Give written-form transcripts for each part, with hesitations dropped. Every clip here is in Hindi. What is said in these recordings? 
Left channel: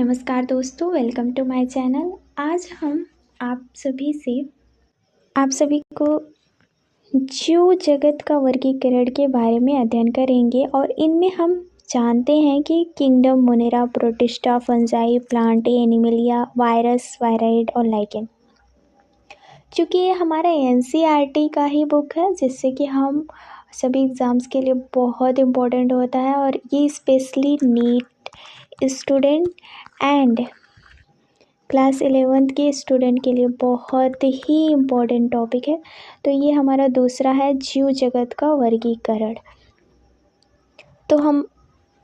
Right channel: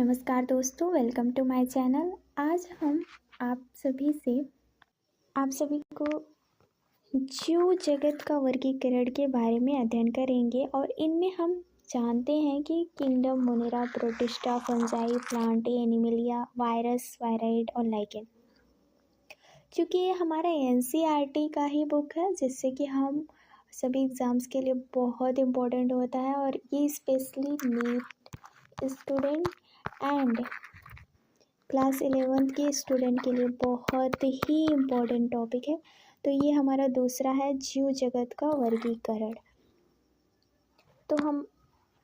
नमस्कार दोस्तों, वेलकम टू माय चैनल। आज हम आप सभी को जीव जगत का वर्गीकरण के बारे में अध्ययन करेंगे और इनमें हम जानते हैं कि kingdom, Monera, protista, fungi, Plantae, Animalia, virus, wired और लाइकेन। चूँकि ये हमारा एनसीईआरटी का ही बुक है, जिससे कि हम सभी एग्ज़ाम्स के लिए बहुत इम्पोर्टेंट होता है और ये specially NEET student and class 11th के स्टूडेंट के लिए बहुत ही इम्पोर्टेंट टॉपिक है। तो ये हमारा दूसरा है जीव जगत का वर्गीकरण। तो हम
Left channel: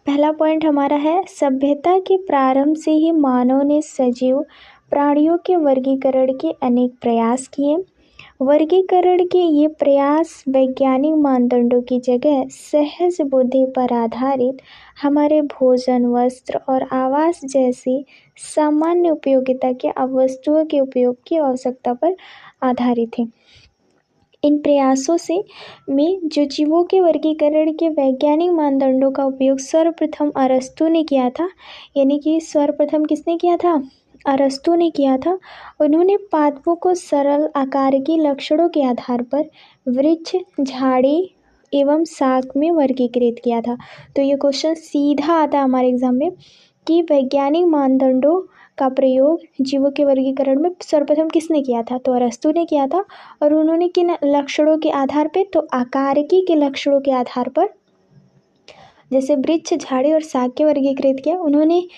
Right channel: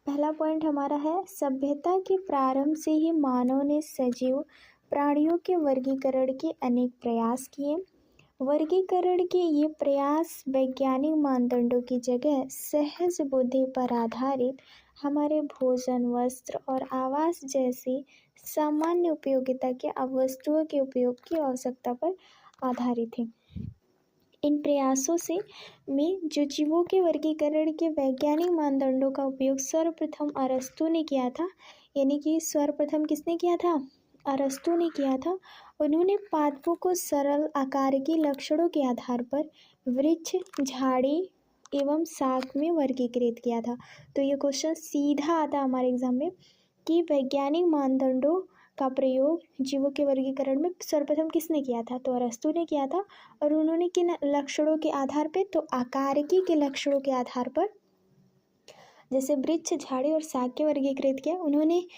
पहला पॉइंट हमारा है, सभ्यता के प्रारंभ से ही मानव ने सजीव प्राणियों के वर्गीकरण के अनेक प्रयास किए। वर्गीकरण के ये प्रयास वैज्ञानिक मानदंडों की जगह सहज बुद्धि पर आधारित हमारे भोजन, वस्त्र और आवास जैसी सामान्य उपयोगिता के वस्तुओं के उपयोग की आवश्यकता पर आधारित है। इन प्रयासों में जो जीवों के वर्गीकरण के वैज्ञानिक मानदंडों का उपयोग सर्वप्रथम अरस्तु ने किया था, यानी कि सर्वप्रथम किसने किया था? अरस्तु ने किया था। उन्होंने पादपों को सरल आकार के लक्षणों के आधार पर वृक्ष, झाड़ी एवं शाक में वर्गीकृत किया था। तो ये क्वेश्चन सीधा आता है हमारे एग्जाम में कि वैज्ञानिक मानदंडों का प्रयोग जीवों के वर्गीकरण में सर्वप्रथम किसने किया था? तो अरस्तु ने किया था। और उन्होंने किन लक्षणों के आधार पे? तो आकारिकी के लक्षणों के आधार पर, जैसे वृक्ष, झाड़ी और शाक के वर्गीकृत किया। उन्होंने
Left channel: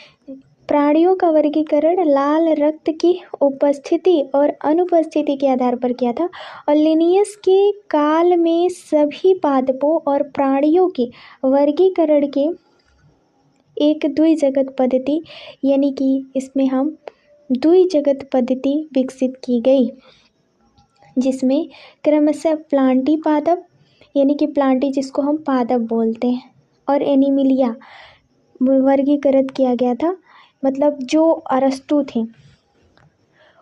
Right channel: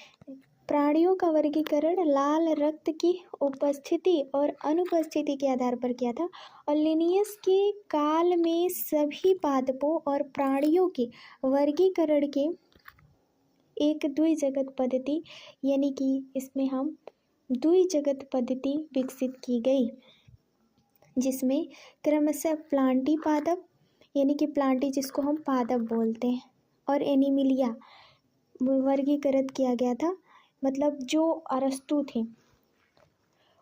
प्राणियों का वर्गीकरण लाल रक्त की उपस्थिति और अनुपस्थिति के आधार पर किया था। और लिनियस के काल में सभी पादपों और प्राणियों के वर्गीकरण के एक द्विजगत पद्धति, यानी कि इसमें हम द्विजगत पद्धति विकसित की गई, जिसमें क्रमशः प्लांटी पादप, यानी कि प्लांटी जिसको हम पादप बोलते हैं, और एनिमिलिया वर्गीकृत किया गया था। मतलब जो अरस्तु थे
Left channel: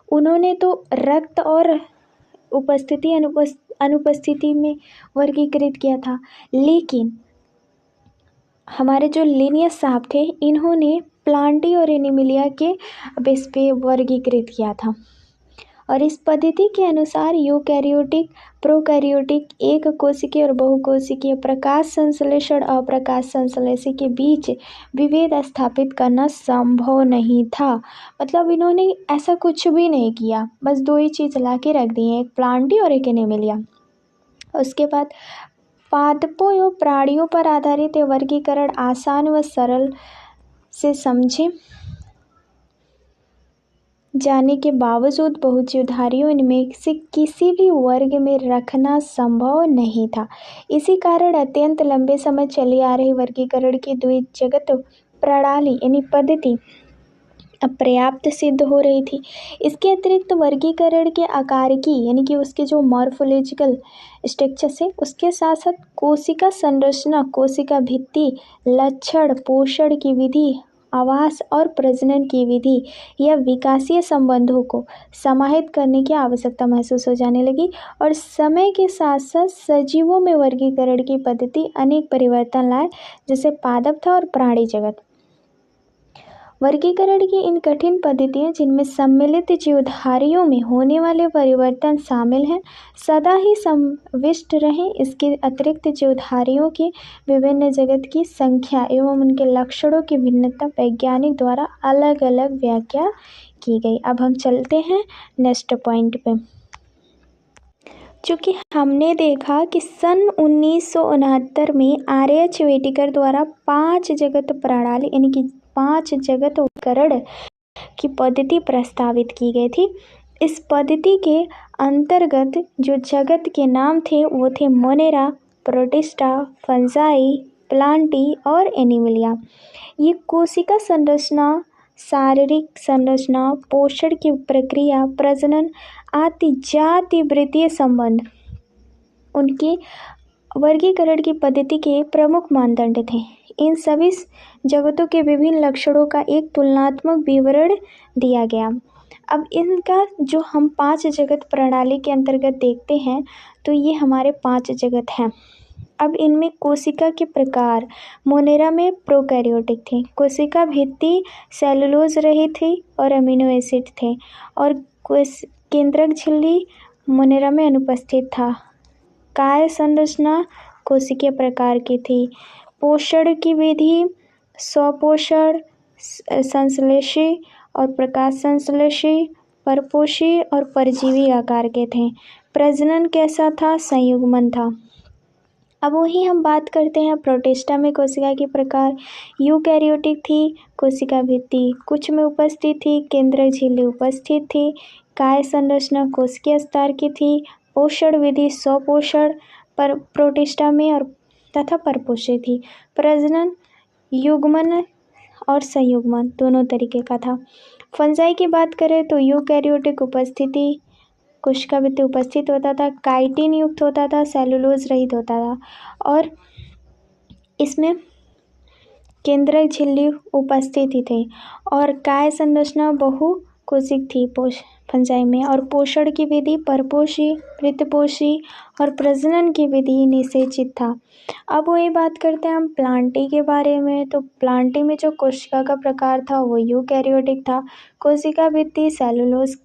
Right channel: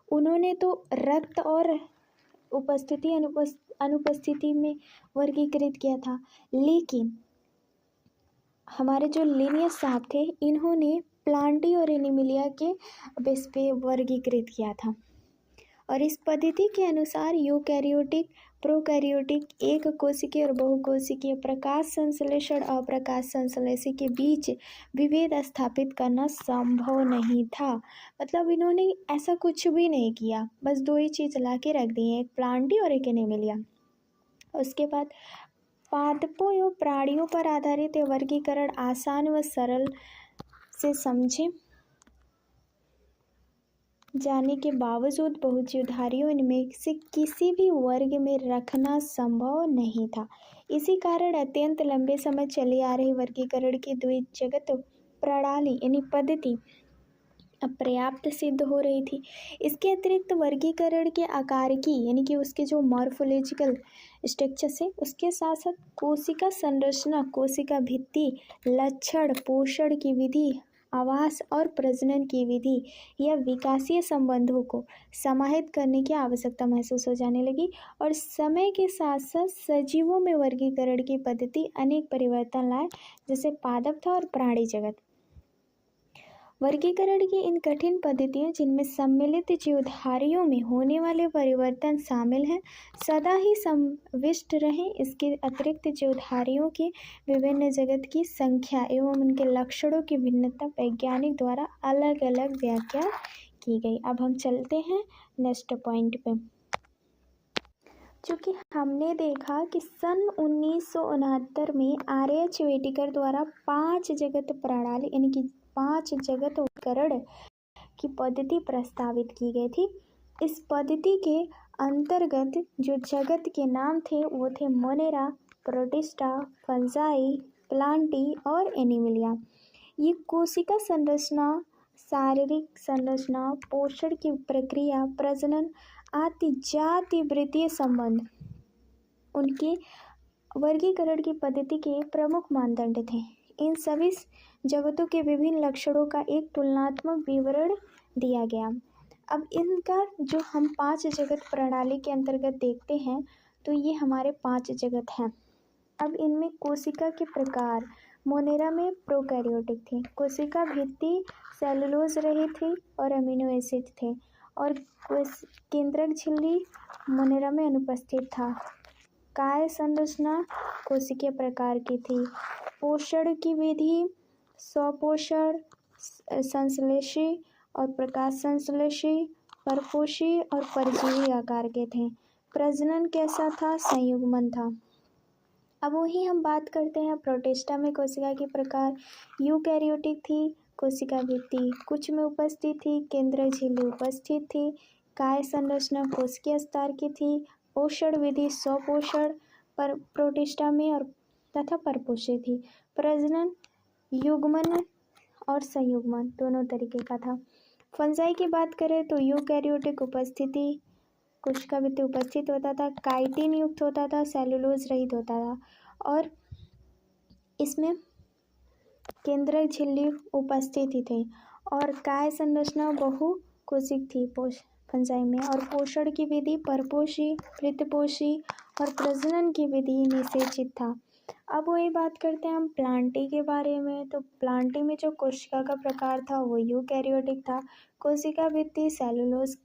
उन्होंने तो रक्त और उपस्थिति अनुपस्थिति में वर्गीकृत किया था, लेकिन हमारे जो लिनियस साहब थे इन्होंने प्लांटी और एनिमिलिया के बेस पे वर्गीकृत किया था। और इस पद्धति के अनुसार यूकैरियोटिक, प्रोकैरियोटिक, एक कोशिकीय और बहुकोशिकीय, प्रकाश संश्लेषण और अप्रकाश संश्लेषण के बीच विभेद स्थापित करना संभव नहीं था। मतलब इन्होंने ऐसा कुछ भी नहीं किया, बस दो ही चीज़ ला के रख दी हैं, एक प्लांटी और एक एनिमिलिया। उसके बाद पादपों एवं प्राणियों पर आधारित वर्गीकरण आसान व सरल से समझे जाने के बावजूद बहुजीवधारियों इनमें से किसी भी वर्ग में रखना संभव नहीं था। इसी कारण अत्यंत लंबे समय चली आ रही वर्गीकरण की द्विजगत प्रणाली यानी पद्धति अपर्याप्त सिद्ध हो रही थी। इसके अतिरिक्त वर्गीकरण के आकारिकी यानी कि उसके जो मॉर्फोलॉजिकल स्ट्रक्चर है उसके साथ साथ कोशिका संरचना, कोशिका भित्ति, लक्षण, पोषण की विधि, आवास और प्रजनन की विधि या विकासीय संबंधों को समाहित करने की आवश्यकता महसूस हो जाने लगी। और समय के साथ साथ सजीवों में वर्गीकरण की पद्धति अनेक परिवर्तन लाए, जैसे पादप था और प्राणी जगत। वर्गीकरण की इन कठिन पद्धतियाँ, जिनमें सम्मिलित जीवधारियों में होने वाले परिवर्तन शामिल हैं, सदा ही समाविष्ट रहें। इसके अतिरिक्त जीवधारियों के विभिन्न जगत की संख्या एवं उनके लक्षणों की भिन्नता वैज्ञानिक द्वारा अलग अलग व्याख्या की गई। अब हम चलते हैं नेक्स्ट पॉइंट पे। चूँकि हमने देखा कि सन 1969 में आर.एच. व्हिटेकर द्वारा 5 जगत प्रणाली यानी कि 5 जगत वर्गीकरण की पद्धति प्रस्तावित की गई थी। इस पद्धति के अंतर्गत जो जगत के नाम थे वो थे मोनेरा, प्रोटिस्टा, फंजाई, प्लांटी और एनिमलिया। ये कोशिका संरचना, शारीरिक संरचना, पोषण की प्रक्रिया, प्रजनन आदि जाति वृत्तीय संबंध उनके वर्गीकरण की पद्धति के प्रमुख मानदंड थे। इन सभी जगतों के विभिन्न लक्षणों का एक तुलनात्मक विवरण दिया गया। अब इनका जो हम 5 जगत प्रणाली के अंतर्गत देखते हैं तो ये हमारे 5 जगत हैं। अब इनमें कोशिका के प्रकार, मोनेरा में प्रोकैरियोटिक थे, कोशिका भित्ति सेलुलोज रही थी और अमीनो एसिड थे, और केंद्रक झिल्ली मोनेरा में अनुपस्थित था। काय संरचना कोशिकीय प्रकार की थी। पोषण की विधि स्वपोषण, संश्लेषी और प्रकाश संश्लेषी, परपोषी और परजीवी आकार के थे। प्रजनन कैसा था? संयुग्मन था। अब वही हम बात करते हैं प्रोटिस्टा में कोशिका के प्रकार। यूकैरियोटिक थी, कोशिका भित्ति कुछ में उपस्थित थी, केंद्रक झिल्ली उपस्थित थी। काय संरचना कोशिकीय स्तर की थी। पोषण विधि स्वपोषण पर प्रोटिस्टा में और तथा परपोषी थी। प्रजनन युग्मन और संयुग्मन दोनों तरीके का था। फंजाई की बात करें तो यूकैरियोटिक उपस्थिति, कोशिका भित्ति उपस्थित होता था, काइटिन युक्त होता था, सेलुलोज रहित होता था, और इसमें केंद्रक झिल्ली उपस्थित ही थे। और काय संरचना बहु कोशिक थी फंजाई में, और पोषण की विधि परपोषी, वृत्तपोषी और प्रजनन की विधि निषेचित था। अब वही बात करते हैं हम प्लांटी के बारे में। तो प्लांटी में जो कोशिका का प्रकार था वो यूकैरियोटिक था। कोशिका भित्ति सेलुलोज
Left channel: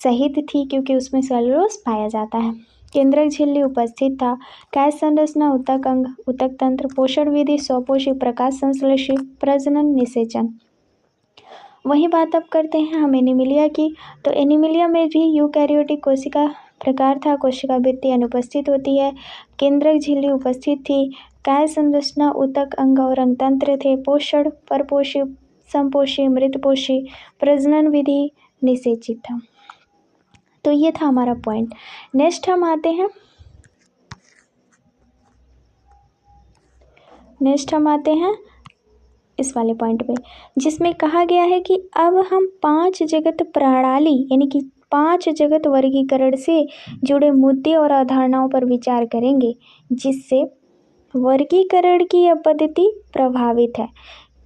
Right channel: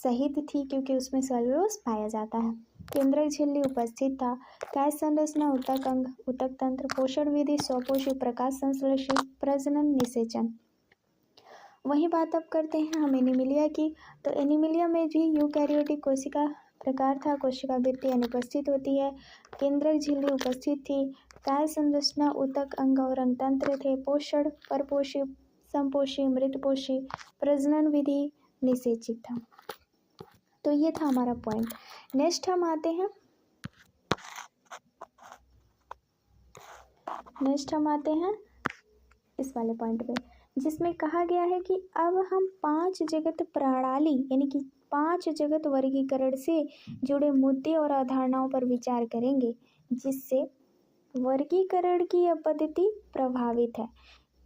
सहित थी क्योंकि उसमें सेलुलोज पाया जाता है। केंद्रक झिल्ली उपस्थित था। काय संरचना ऊतक अंग, ऊतक तंत्र, पोषण विधि स्वपोषी, प्रकाश संश्लेषी, प्रजनन निषेचन। वही बात अब करते हैं हम एनीमिलिया की। तो एनीमिलिया में भी यूकैरियोटिक कोशिका प्रकार था, कोशिका भित्ति अनुपस्थित होती है, केंद्रक झिल्ली उपस्थित थी, काय संरचना ऊतक अंग और अंगतंत्र थे, पोषण परपोषी, समपोषी, मृतपोषी, प्रजनन विधि निषेचित था। तो ये था हमारा पॉइंट। नेक्स्ट हम आते हैं इस वाले पॉइंट पे, जिसमें कहा गया है कि अब हम 5 जगत प्रणाली यानी कि 5 जगत वर्गीकरण से जुड़े मुद्दे और अवधारणाओं पर विचार करेंगे, जिससे वर्गीकरण की यह पद्धति प्रभावित है।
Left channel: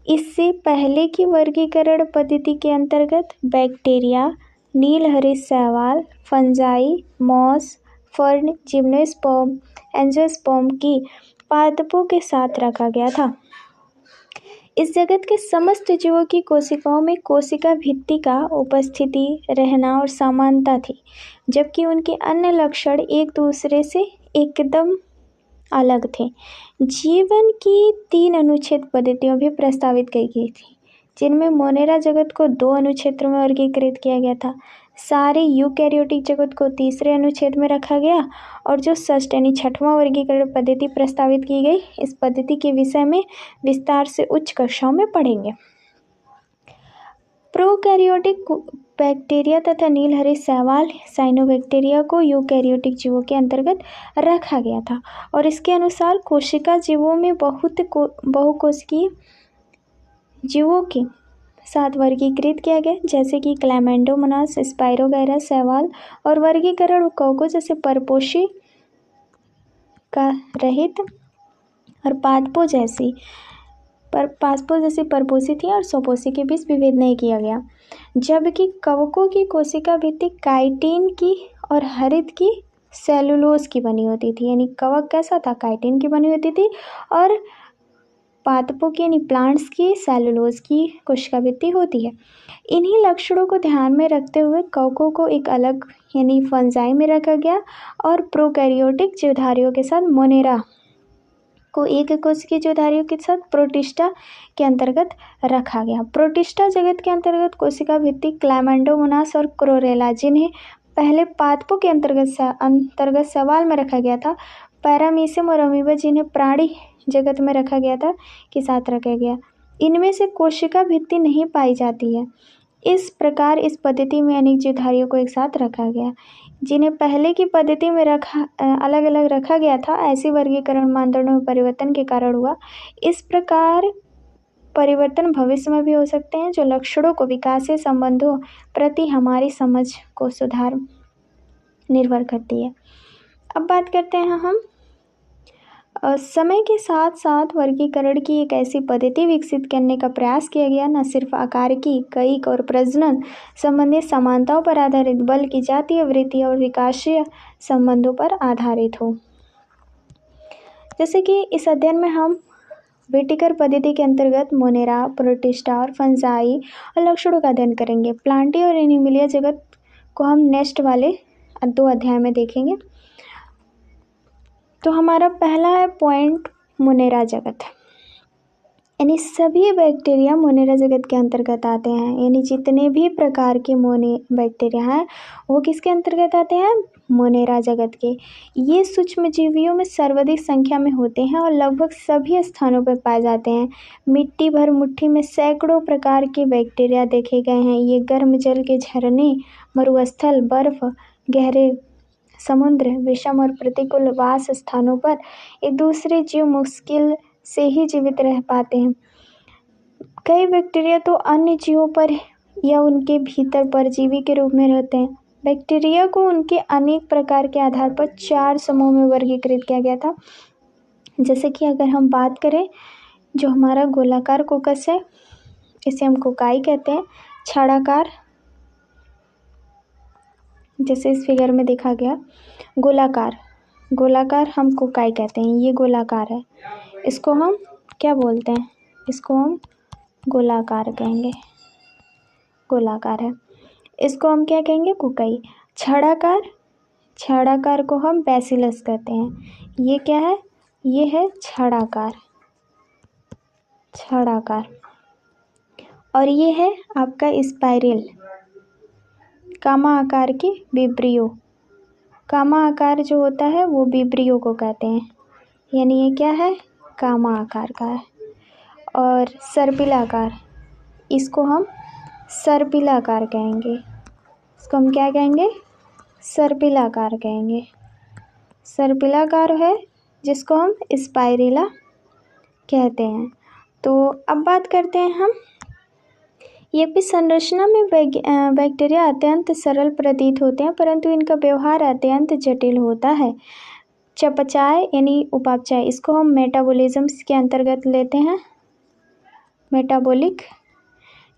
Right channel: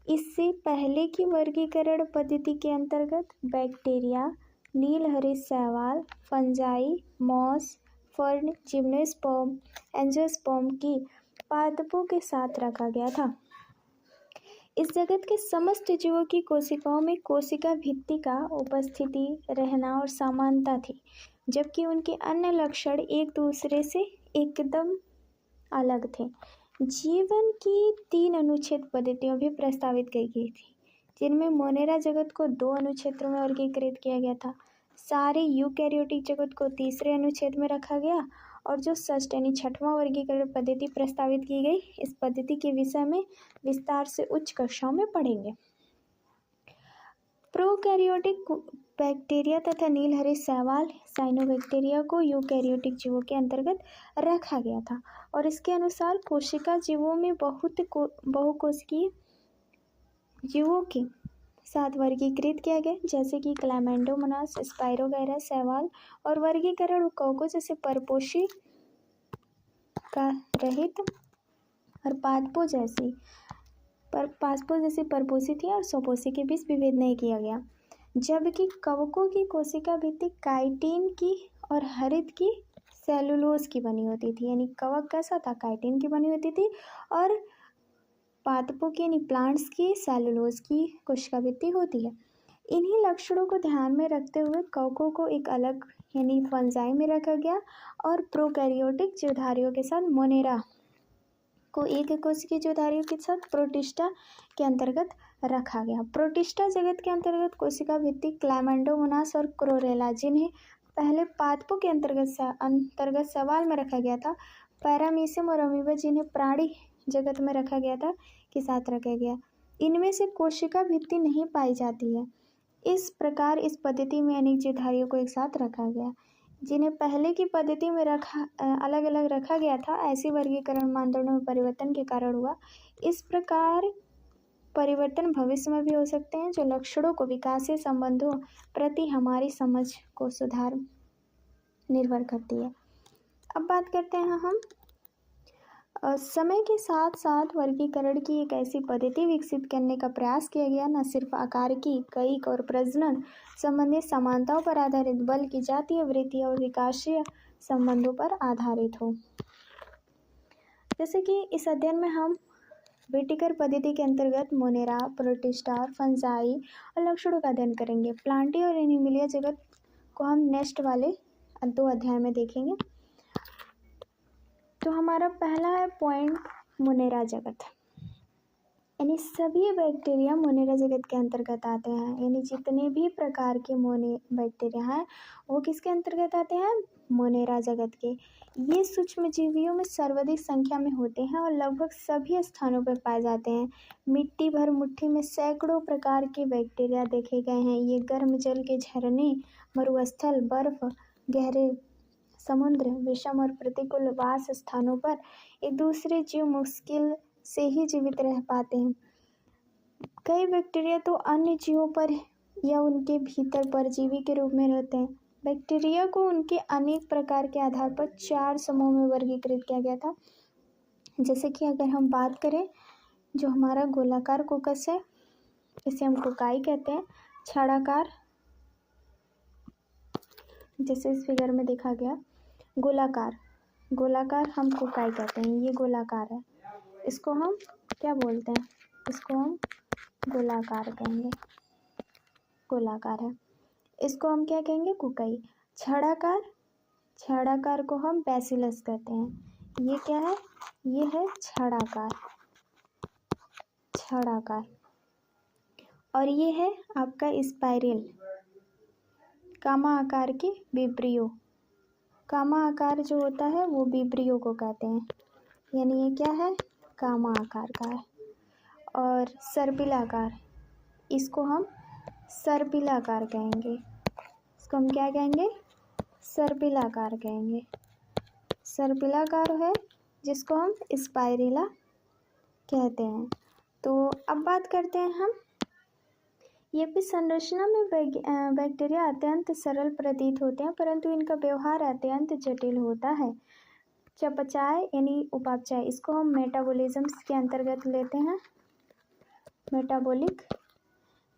इससे पहले की वर्गीकरण पद्धति के अंतर्गत बैक्टीरिया, नीलहरित शैवाल, fungi, moss, fern, gymnosperm, angiosperm की पादपों के साथ रखा गया था। इस जगत के समस्त जीवों की कोशिकाओं में कोशिका भित्ति का उपस्थिति, रहना और समानता थी, जबकि उनके अन्य लक्षण एक दूसरे से एकदम अलग थे। जीवन की 3 अनुच्छेद पद्धतियां भी प्रस्तावित की गई थी, जिनमें मोनेरा जगत को 2 अनुक्षेत्रों में वर्गीकृत किया गया था। सारे यूकैरियोटिक जगत को तीसरे अनुच्छेद में रखा गया, और जो षष्ठ यानी 6वां वर्गीकरण पद्धति प्रस्तावित की गई, इस पद्धति के विषय में विस्तार से उच्च कक्षाओं में पढ़ेंगे। प्रोकैरियोटिक बैक्टीरिया तथा नीलहरित शैवाल साइनोबैक्टीरिया को यूकैरियोटिक जीवों के अंतर्गत रखा गया था, और इसके अनुसार कोशिका जीवों में बहुकोशिकीय जीवों के साथ वर्गीकृत किया गया, जैसे कि क्लैमेंडोमोनास, स्पाइरोगैरा शैवाल, और वर्गीकरण कवकों जैसे परपोषी का रहित और पादपों जैसी परपोषी थी और स्वपोषी के बीच विभेद नहीं किया गया। जबकि कवकों की कोशिका भित्ति काइटिन की और हरित की सेलुलोज की बनी होती थी, यानी कवक कैसा था? काइटिन की बनी होती थी, और पादपों की यानी प्लांट्स की सेलुलोज की कोशिका भित्ति होती है। इन्हीं लक्षणों को ध्यान में रखते हुए कवकों को एक अलग यानी फंजाई में रखा गया, और प्रोकैरियोटिक जीवधारियों के साथ मोनेरा को एक कोशिकीय जीवधारियों के साथ प्रोटिस्टा के अंतर्गत रखा गया। प्रोटिस्टा जगत के अंतर्गत कोशिका भित्ति क्लैमेंडोमोनास और क्लोरेला, जिन्हें पहले पादपों के अंतर्गत सवाल में रखा गया था, पैरामीशियम और अमीबा, जिन्हें प्राणी जगत में रखा गया था, के साथ रखा गया। इनमें से कोशिका भित्ति नहीं पाई जाती है। इस प्रकार इस पद्धति में अनेक जीवधारियों को एक साथ रखा गया, जिन्हें पहले की पद्धति में अलग अलग रखा गया था। ऐसी वर्गीकरण मानदंडों में परिवर्तन के कारण हुआ। इस प्रकार परिवर्तन भविष्य में भी हो सकते हैं, जो लक्षणों को विकासीय संबंधों प्रति हमारी समझ को सुधार निर्भर करती है। अब बात करते हैं हम समय के साथ साथ वर्गीकरण की एक ऐसी पद्धति विकसित करने का प्रयास किया गया, न सिर्फ आकार की, कईक और प्रजनन संबंधित समानताओं पर आधारित, बल्कि जातीय, वृत्तीय और विकासीय संबंधों पर आधारित हो। जैसे कि इस अध्ययन में हम व्हिटेकर पद्धति के अंतर्गत मोनेरा, प्रोटिस्टा और फंजाई और लक्षणों का अध्ययन करेंगे। प्लांटी और एनिमिलिया जगत को हम नेक्स्ट वाले 2 अध्याय में देखेंगे। तो हमारा पहला है पॉइंट मोनेरा जगत, यानी सभी बैक्टीरिया मोनेरा जगत के अंतर्गत आते हैं। यानी जितने भी प्रकार के बैक्टीरिया हैं वो किसके अंतर्गत आते हैं? मोनेरा जगत के। ये सूक्ष्मजीवियों में सर्वाधिक संख्या में होते हैं और लगभग सभी स्थानों पर पाए जाते हैं। मिट्टी भर मुट्ठी में सैकड़ों प्रकार के बैक्टीरिया देखे गए हैं। ये गर्म जल के झरने, मरुस्थल, बर्फ, गहरे समुद्र, विषम और प्रतिकूल वास स्थानों पर एक दूसरे जीव मुश्किल से ही जीवित रह पाते हैं। कई बैक्टीरिया तो अन्य जीवों पर या उनके भीतर परजीवी के रूप में रहते हैं। बैक्टीरिया को उनके अनेक प्रकार के आधार पर 4 समूह में वर्गीकृत किया गया था। जैसे कि अगर हम बात करें, जो हमारा गोलाकार कोकस है इसे हम कोकाई कहते हैं। छाड़ाकार, जैसे इस फिगर में देखा गया, गोलाकार हम कोकाई कहते हैं। ये गोलाकार है, इसको हम क्या बोलते हैं? इसको हम गोलाकार कहेंगे, गोलाकार है। इसको हम क्या कहेंगे? कोकाई। छड़ाकार को हम बैसिलस कहते हैं। ये क्या है? ये है छड़ाकार। और ये है आपका स्पाइरल, कामा आकार के विब्रियो। कामा आकार जो होता है वो विब्रियो को कहते हैं, यानी ये क्या है? कामा आकार का है। और सर्पिलाकार, इसको हम सर्पिलाकार कहेंगे। इसको हम क्या कहेंगे? सर्पिलाकार कहेंगे। सर्पिलाकार है जिसको हम स्पाइरिला कहते हैं। तो अब बात करते हैं हम, ये भी संरचना में बैक्टीरिया अत्यंत सरल प्रतीत होते हैं, परंतु इनका व्यवहार अत्यंत जटिल होता है। चयापचय यानी उपापचय, इसको हम मेटाबॉलिज्म के अंतर्गत लेते हैं। मेटाबॉलिक,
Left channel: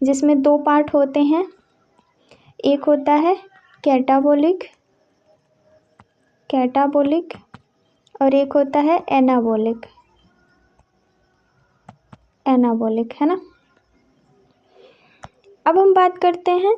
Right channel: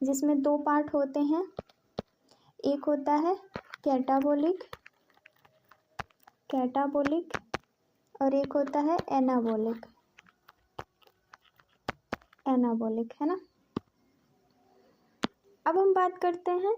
जिसमें 2 पार्ट होते हैं। एक होता है कैटाबॉलिक और एक होता है एनाबॉलिक, है ना। अब हम बात करते हैं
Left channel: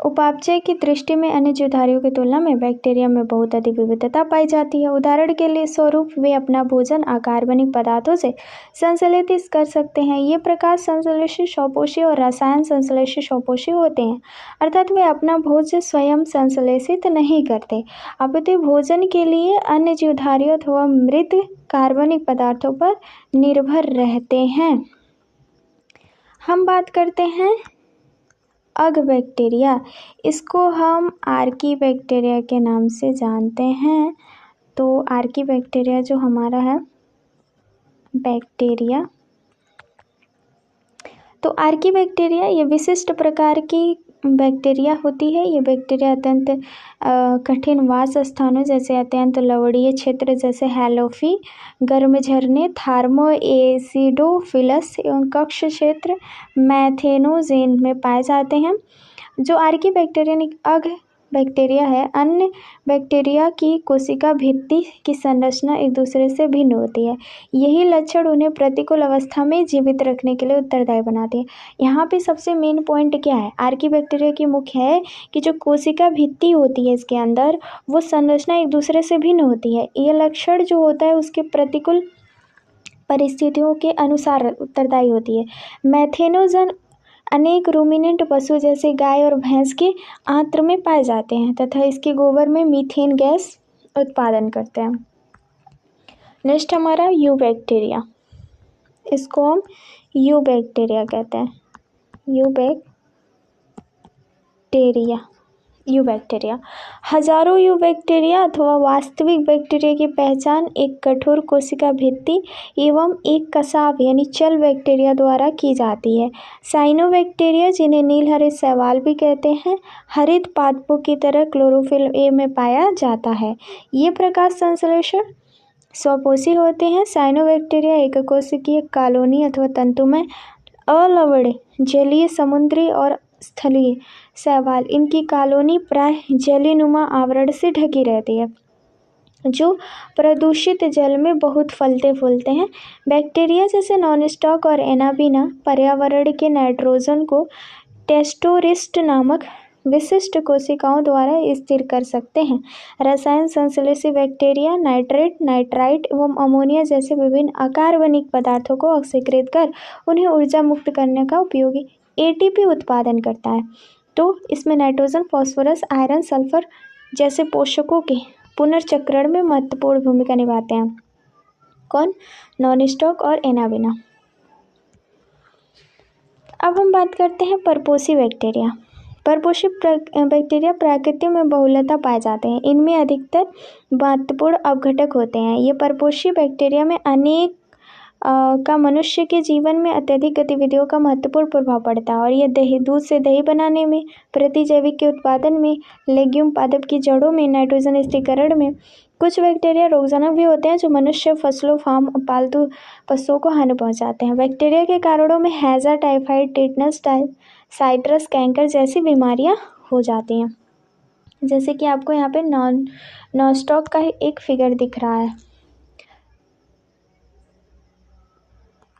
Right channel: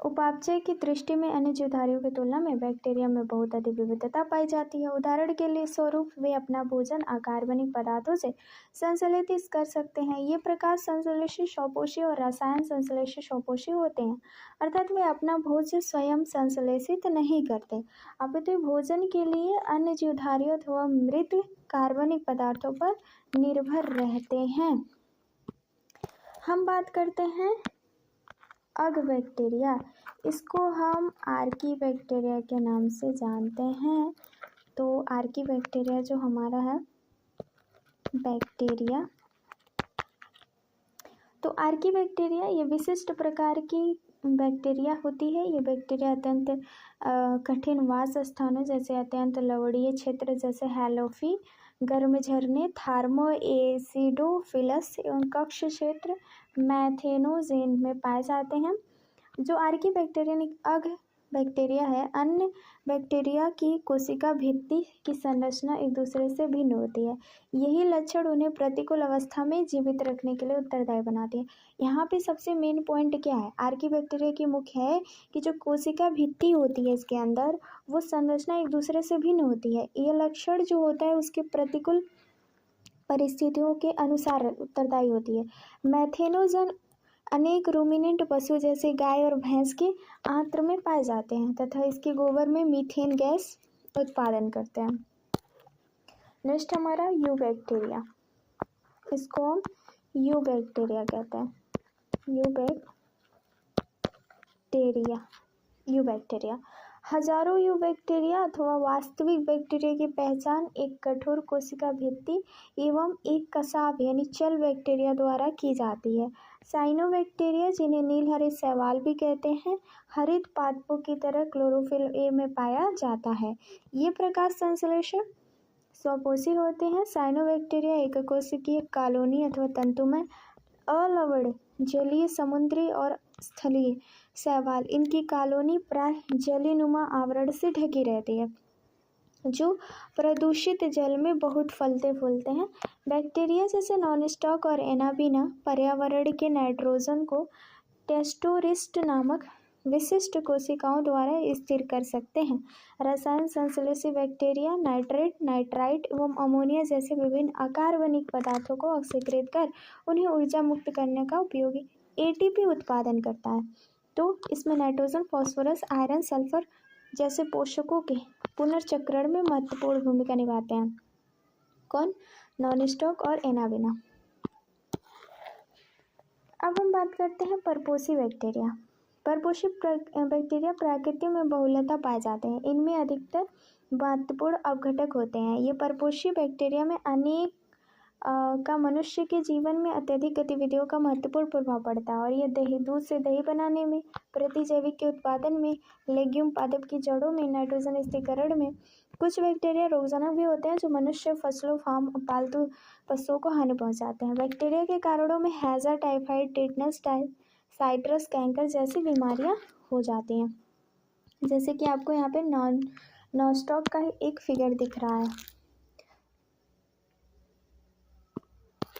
उपापचय की दृष्टि में अन्य जीवधारियों की तुलना में बैक्टीरिया में बहुत अधिक विविधता पाई जाती है। उदाहरण के लिए स्वरूप वे अपना भोजन अकार्बनिक पदार्थों से संश्लेषित कर सकते हैं। ये प्रकार संश्लेषित स्वपोषी और रसायन संश्लेषित स्वपोषी होते हैं, अर्थात वे अपना भोजन स्वयं संश्लेषित नहीं करते, अपितु भोजन के लिए अन्य जीवधारियों अथवा मृत कार्बनिक पदार्थों पर निर्भर रहते हैं। हम बात करते हैं अग बैक्टीरिया, इसको हम आर्की बैक्टीरिया के नाम से जानते हैं। तो आर्की बैक्टीरिया जो हमारा है बैक्टीरिया, तो आर्की बैक्टीरिया ये विशिष्ट प्रकार की बैक्टीरिया होती है। ये बैक्टीरिया अत्यंत कठिन वास स्थानों जैसे अत्यंत लवणीय क्षेत्र जैसे हैलोफी, गर्म झरने, थार्मो एसिडोफिलस एवं कक्ष क्षेत्र मैथेनोजेन में पाए जाते हैं। जो आर्की बैक्टीरिया अग बैक्टीरिया है, अन्य बैक्टीरिया की कोशिका भित्ति की संरचना एक दूसरे से भिन्न होती है। यही लक्षण उन्हें प्रतिकूल अवस्था में जीवित रखने के लिए उत्तरदायी बनाते हैं। यहाँ पे सबसे मेन पॉइंट क्या है? आर्की बैक्टीरिया की मुख्य है कि जो कोशिका भित्ति होती है इसके अंदर, वो संरचना एक दूसरे से भिन्न होती है। ये लक्षण जो होता है उसके प्रतिकूल परिस्थितियों के अनुसार उत्तरदायी होती है। मैथेनोजन अनेक रूमिनेंट पशु जैसे गाय और भैंस के आंत्र में पाए जाते हैं तथा इसके गोबर में मीथेन गैस उत्पादन करते हैं। नेक्स्ट हमारा यू बैक्टीरिया, इसको हम यू बैक्टीरिया कहते हैं। यू बैक्टीरिया हजारों यू बैक्टीरिया अथवा वास्तविक बैक्टीरिया की पहचान एक कठोर कोशिका भित्ति एवं एक कसाव यानी चल बैक्टीरिया द्वारा की जाती है। साइनो बैक्टीरिया, जिन्हें नील हरित शैवाल भी कहते हैं, हरित पादपों की तरह क्लोरोफिल ए में पाया जाता है। ये प्रकाश संश्लेषण स्वपोषी होते हैं। साइनो बैक्टीरिया एक कोशिकीय कॉलोनी अथवा तंतुमय अलवण जलीय, समुद्री और स्थलीय शैवाल, इनकी कॉलोनी प्राय जलीनुमा आवरण से ढकी रहती है। जो प्रदूषित जल में बहुत फलते फूलते हैं। बैक्टीरिया जैसे नॉनस्टॉक और एनाबिना पर्यावरण के नाइट्रोजन को टेस्टोरिस्ट नामक विशिष्ट कोशिकाओं द्वारा स्थिर कर सकते हैं। रसायन संश्लेषी बैक्टीरिया नाइट्रेट, नाइट्राइट एवं अमोनिया जैसे विभिन्न अकार्बनिक पदार्थों को ऑक्सीकृत कर उन्हें ऊर्जा मुक्त करने का उपयोगी एटीपी उत्पादन करता है। तो इसमें नाइट्रोजन, फास्फोरस, आयरन, सल्फर जैसे पोषकों के पुनर्चक्रण में महत्वपूर्ण भूमिका निभाते हैं। कौन? नॉनस्टॉक और एनाबिना। अब हम बात करते हैं परपोषी बैक्टीरिया। परपोषी बैक्टीरिया प्रकृति में बहुलता पाए जाते हैं। इनमें अधिकतर महत्वपूर्ण अपघटक होते हैं। ये परपोषी बैक्टीरिया में अनेक का मनुष्य के जीवन में अत्यधिक गतिविधियों का महत्वपूर्ण प्रभाव पड़ता है और ये दूध से दही बनाने में, प्रतिजैविक के उत्पादन में, लेग्यूम पादप की जड़ों में, नाइट्रोजन स्थिरीकरण में। कुछ बैक्टीरिया रोगजनक भी होते हैं जो मनुष्य, फसलों, फार्म और पालतू पशुओं को हानि पहुंचाते हैं। बैक्टीरिया के कारणों में हैजा, टाइफाइड, टेटनस, साइट्रस कैंकर जैसी बीमारियां हो जाती हैं। जैसे कि आपको यहाँ पे नॉनस्टॉक का एक फिगर दिख रहा है।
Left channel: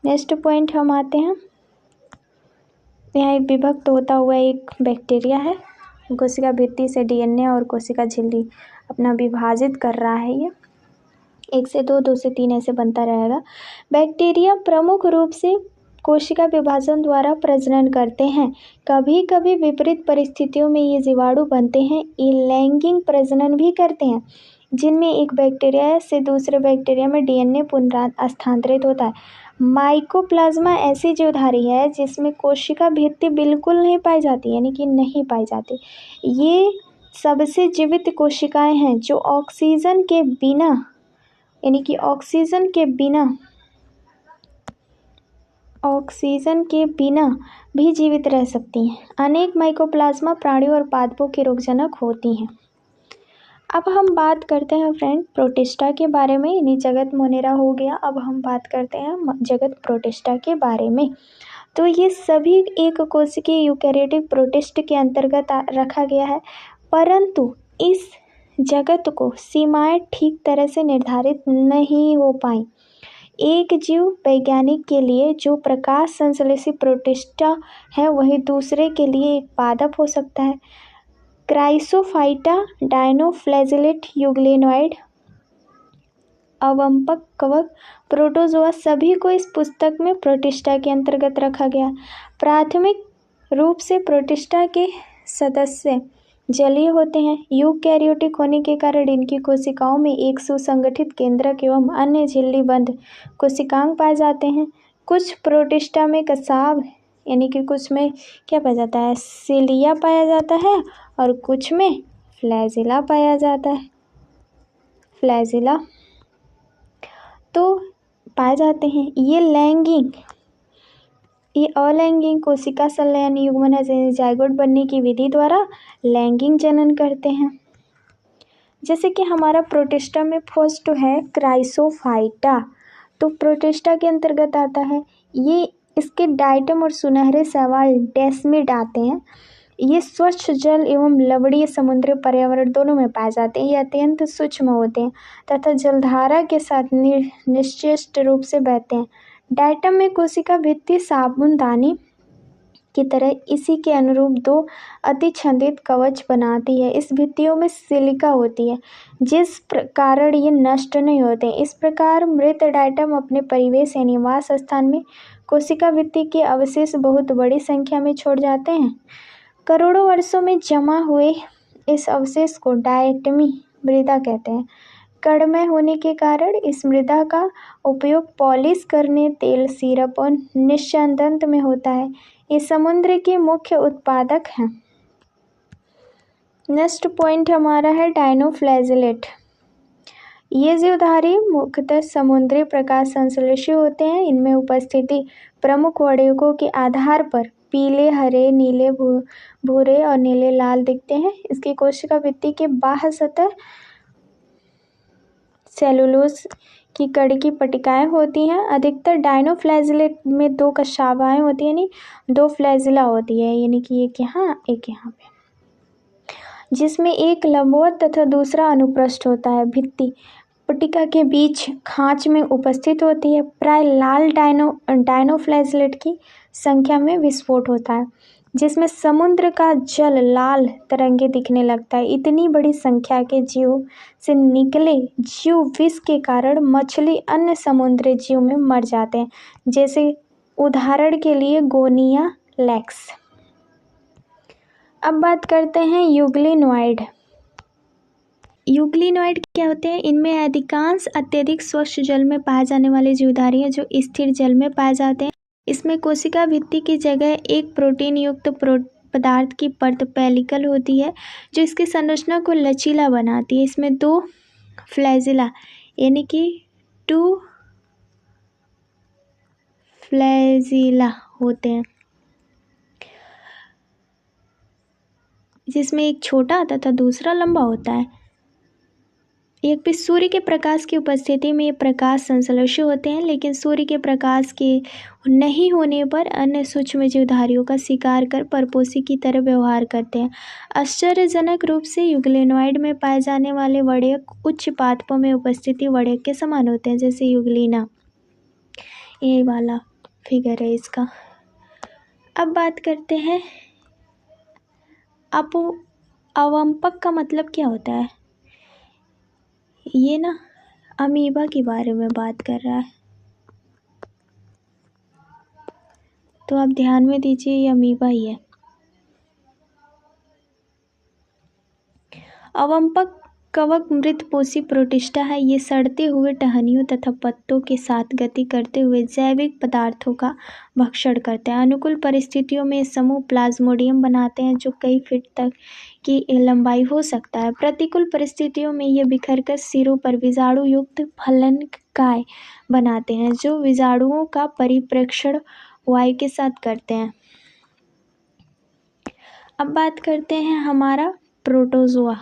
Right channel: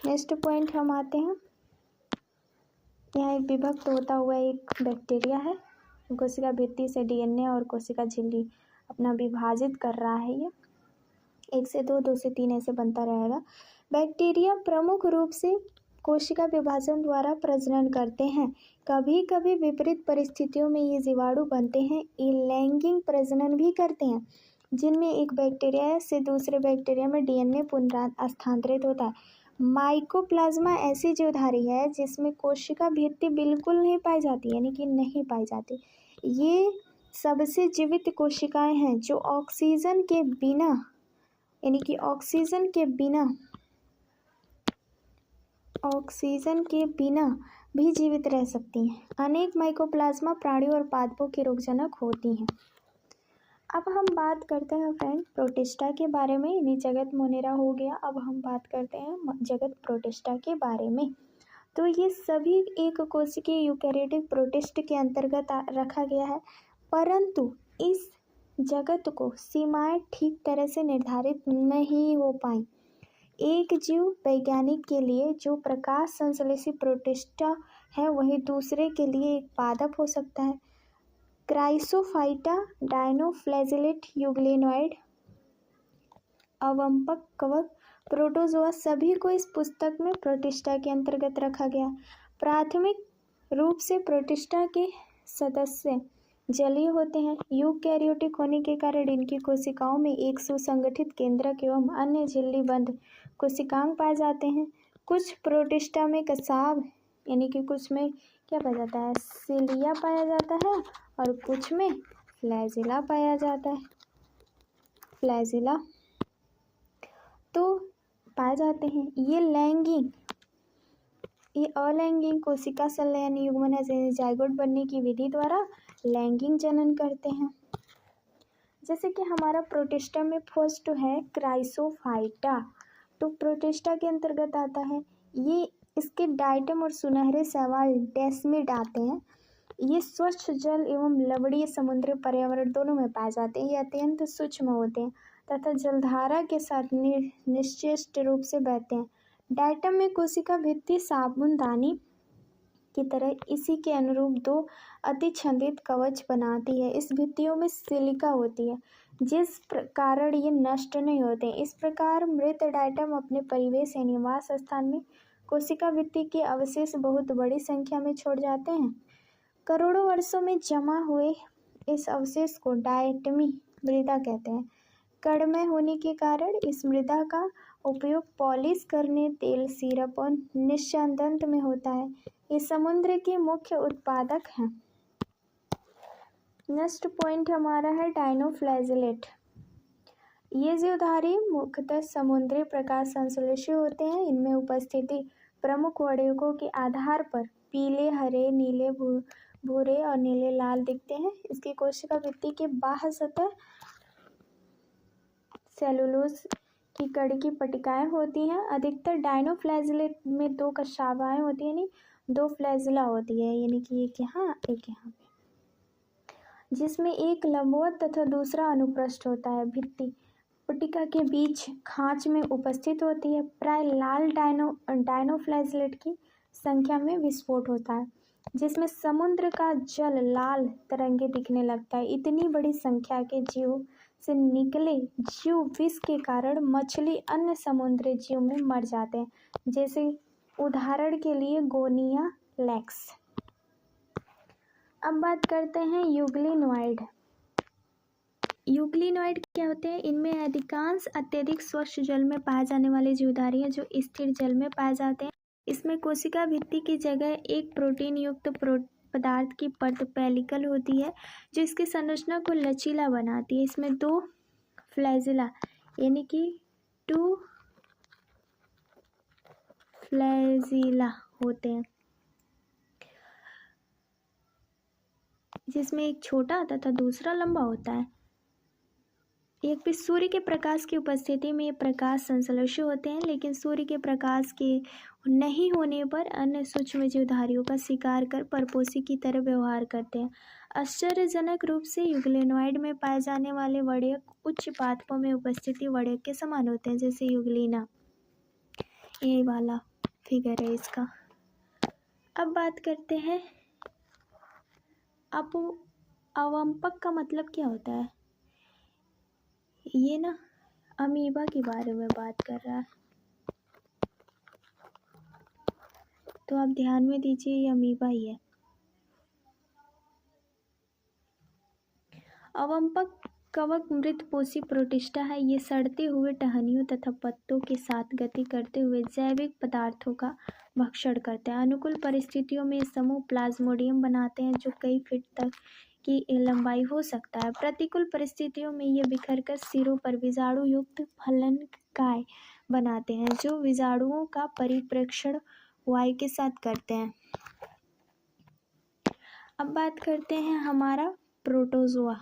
नेक्स्ट पॉइंट हम आते हैं, यहाँ एक विभक्त होता हुआ एक बैक्टीरिया है। कोशिका भित्ति से डीएनए और कोशिका झिल्ली अपना विभाजित कर रहा है। ये 1 से 2, 2 से 3 ऐसे बनता रहेगा। बैक्टीरिया प्रमुख रूप से कोशिका विभाजन द्वारा प्रजनन करते हैं। कभी कभी विपरीत परिस्थितियों में ये जीवाणु बनते हैं। ये लैंगिक प्रजनन भी करते हैं, जिनमें एक बैक्टीरिया से दूसरे बैक्टीरिया में डीएनए पुनर्स्थानांतरित होता है। माइकोप्लाज्मा ऐसी जीवधारी है जिसमें कोशिका भित्ति बिल्कुल नहीं पाई जाती, यानी कि नहीं पाई जाती। ये सबसे जीवित कोशिकाएं हैं जो ऑक्सीजन के बिना, यानी कि ऑक्सीजन के बिना भी जीवित रह सकती हैं। अनेक माइकोप्लाज्मा प्राणियों और पादपों के रोगजनक होती हैं। अब हम बात करते हैं फ्रेंड प्रोटिस्टा के बारे में, यानी जगत मोनेरा हो गया। अब हम बात करते हैं जगत प्रोटिस्टा के बारे में। तो ये सभी एक कोशिकीय यूकेरियोटिक प्रोटिस्ट के अंतर्गत रखा गया है, परंतु इस जगत को सीमाएं ठीक तरह से निर्धारित नहीं हो पाई। एक जीव वैज्ञानिक के लिए जो प्रकाश संश्लेषी प्रोटिस्टा है वही दूसरे के लिए एक पादप हो सकता है। क्राइसोफाइटा, डायनोफ्लैजिलेट, यूग्लेनॉइड, अवंपक, कवक, प्रोटोजोआ सभी को इस पुस्तक में प्रोटिस्टा के अंतर्गत रखा गया। प्राथमिक रूप से प्रोटिस्टा के सदस्य जलीय होते हैं। यूकैरियोटिक होने के कारण इनकी कोशिकाओं में एक सुसंगठित केंद्रक एवं अन्य झिल्लीबंद कोशिकांग पाए जाते हैं। कुछ प्रोटिस्टा में कसाव, यानी कि कुछ में क्या पाया जाता है, सिलिया पाया जाता है और कुछ में फ्लैजिला पाया जाता है। फ्लैजिला तो पाए जाते हैं। ये अलैंगिक कोशिका संलयन युग्मन है, जाइगोट बनने की विधि द्वारा लैंगिक जनन करते हैं। जैसे कि हमारा प्रोटिस्टा में फर्स्ट है क्राइसोफाइटा, तो प्रोटिस्टा के अंतर्गत आता है। ये इसके डाइटम और सुनहरे शैवाल डेस्मिड आते हैं। ये स्वच्छ जल एवं लवणीय समुद्री पर्यावरण दोनों में पाए जाते हैं। ये अत्यंत सूक्ष्म होते हैं तथा जलधारा के साथ निश्चित रूप से बहते हैं। डाइटम में कोशिका भित्ति साबुनदानी की तरह इसी के अनुरूप 2 अतिछंदित कवच बनाती है। इस भित्तियों में सिलिका होती है, जिस कारण ये नष्ट नहीं होते। इस प्रकार मृत डाइटम अपने परिवेश या निवास स्थान में कोशिका भित्ति के अवशेष बहुत बड़ी संख्या में छोड़ जाते हैं। करोड़ों वर्षों में जमा हुए इस अवशेष को डायटमी मृदा कहते हैं। कणमय होने के कारण इस मृदा का उपयोग पॉलिश करने, तेल, सिरप और निस्यंदन में होता है। ये समुद्र के मुख्य उत्पादक हैं। नेक्स्ट पॉइंट हमारा है डायनोफ्लैजिलेट। ये जीवधारी मुख्यतः समुद्री प्रकाश संश्लेषी होते हैं। इनमें उपस्थिति प्रमुख वर्णकों के आधार पर पीले, हरे, नीले, भूरे और नीले लाल दिखते हैं। इसकी कोशिका भित्ति के बाह्य सतह सेलुलोज की कड़ी की पट्टिकाएं होती हैं। अधिकतर डायनोफ्लैजिलेट में 2 कशाखाएं होती हैं, यानी 2 फ्लैजिला होती है, यानी कि एक यहाँ एक यहाँ पे। जिसमें एक लंबवत तथा दूसरा अनुप्रस्थ होता है। भित्ति पट्टिका के बीच खांच में उपस्थित होती है। प्राय लाल डायनोफ्लैजेलेट की संख्या में विस्फोट होता है, जिसमें समुद्र का जल लाल तरंगे दिखने लगता है। इतनी बड़ी संख्या के जीव से निकले जीव विष के कारण मछली अन्य समुद्री जीव में मर जाते हैं, जैसे उदाहरण के लिए गोनिया लैक्स। अब बात करते हैं यूग्लिनॉइड। यूग्लिनॉइड क्या होते हैं? इनमें अधिकांश अत्यधिक स्वच्छ जल में पाए जाने वाले जीवधारी हैं जो स्थिर जल में पाए जाते हैं। इसमें कोशिका भित्ति की जगह एक प्रोटीन युक्त पदार्थ की परत पेलिकल होती है जो इसकी संरचना को लचीला बनाती है। इसमें 2 फ्लैजिला यानी कि 2 फ्लैजिला होते हैं, जिसमें एक छोटा तथा दूसरा लंबा होता है। एक भी सूर्य के प्रकाश की उपस्थिति में ये प्रकाश संश्लेषी होते हैं, लेकिन सूर्य के प्रकाश के नहीं होने पर अन्य सूक्ष्म जीवधारियों का शिकार कर परपोषी की तरह व्यवहार करते हैं। आश्चर्यजनक रूप से यूग्लिनॉइड में पाए जाने वाले वड़यक उच्च पादपों में उपस्थिति वड़यक के समान होते हैं, जैसे यूग्लिना, ये वाला फिगर है इसका। अब बात करते हैं अवंपक का मतलब क्या होता है। ये ना अमीबा के बारे में बात कर रहा है, तो आप ध्यान में दीजिए ये अमीबा ही है। अवंपक कवक मृतपोषी प्रोटिस्टा है। ये सड़ते हुए टहनियों तथा पत्तों के साथ गति करते हुए जैविक पदार्थों का भक्षण करते हैं। अनुकूल परिस्थितियों में समूह प्लाज्मोडियम बनाते हैं जो कई फीट तक की लंबाई हो सकता है। प्रतिकूल परिस्थितियों में ये बिखरकर सिरों पर विजाणु युक्त फलनकाय बनाते हैं जो विजाणुओं का परिप्रेक्षण वायु के साथ करते हैं। अब बात करते हैं हमारा प्रोटोजोआ,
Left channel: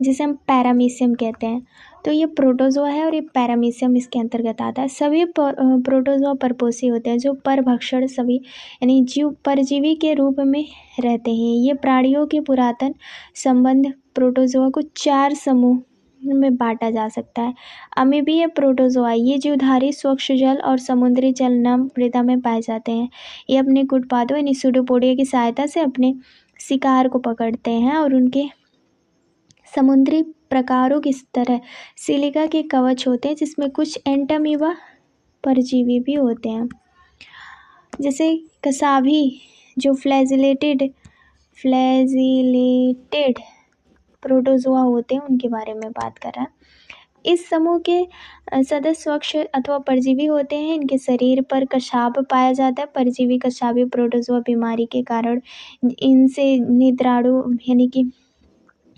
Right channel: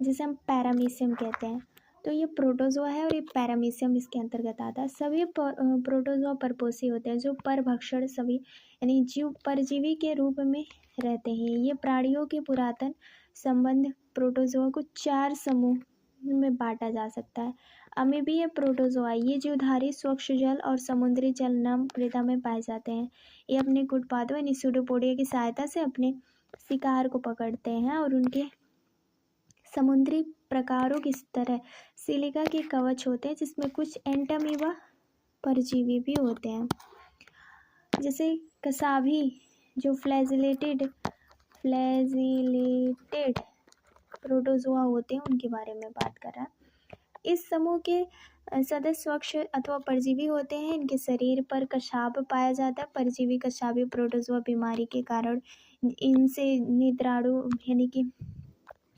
जिसे हम पैरामीशियम कहते हैं। तो ये प्रोटोजोआ है और ये पैरामीशियम इसके अंतर्गत आता है। सभी प्रोटोजोआ परपोषी होते हैं जो परभक्षण सभी यानी जीव परजीवी के रूप में रहते हैं। ये प्राणियों के पुरातन संबंध प्रोटोजोआ को 4 समूह में बांटा जा सकता है। अमीबीय प्रोटोजोआ ये जीवधारी स्वच्छ जल और समुद्री जल नम मृदा में पाए जाते हैं। ये अपने गुटपादों यानी सूडोपोडिया की सहायता से अपने शिकार को पकड़ते हैं और उनके समुद्री प्रकारों की तरह सिलिका के कवच होते हैं, जिसमें कुछ एंटामीबा परजीवी भी होते हैं, जैसे कसाभी जो फ्लैजिलेटेड प्रोटोजोआ होते हैं, उनके बारे में बात कर रहा है। इस समूह के सदस्य स्वच्छ अथवा परजीवी होते हैं। इनके शरीर पर कशाभ पाया जाता है। परजीवी कशाभी प्रोटोजोआ बीमारी के कारण इनसे निद्राणु यानी कि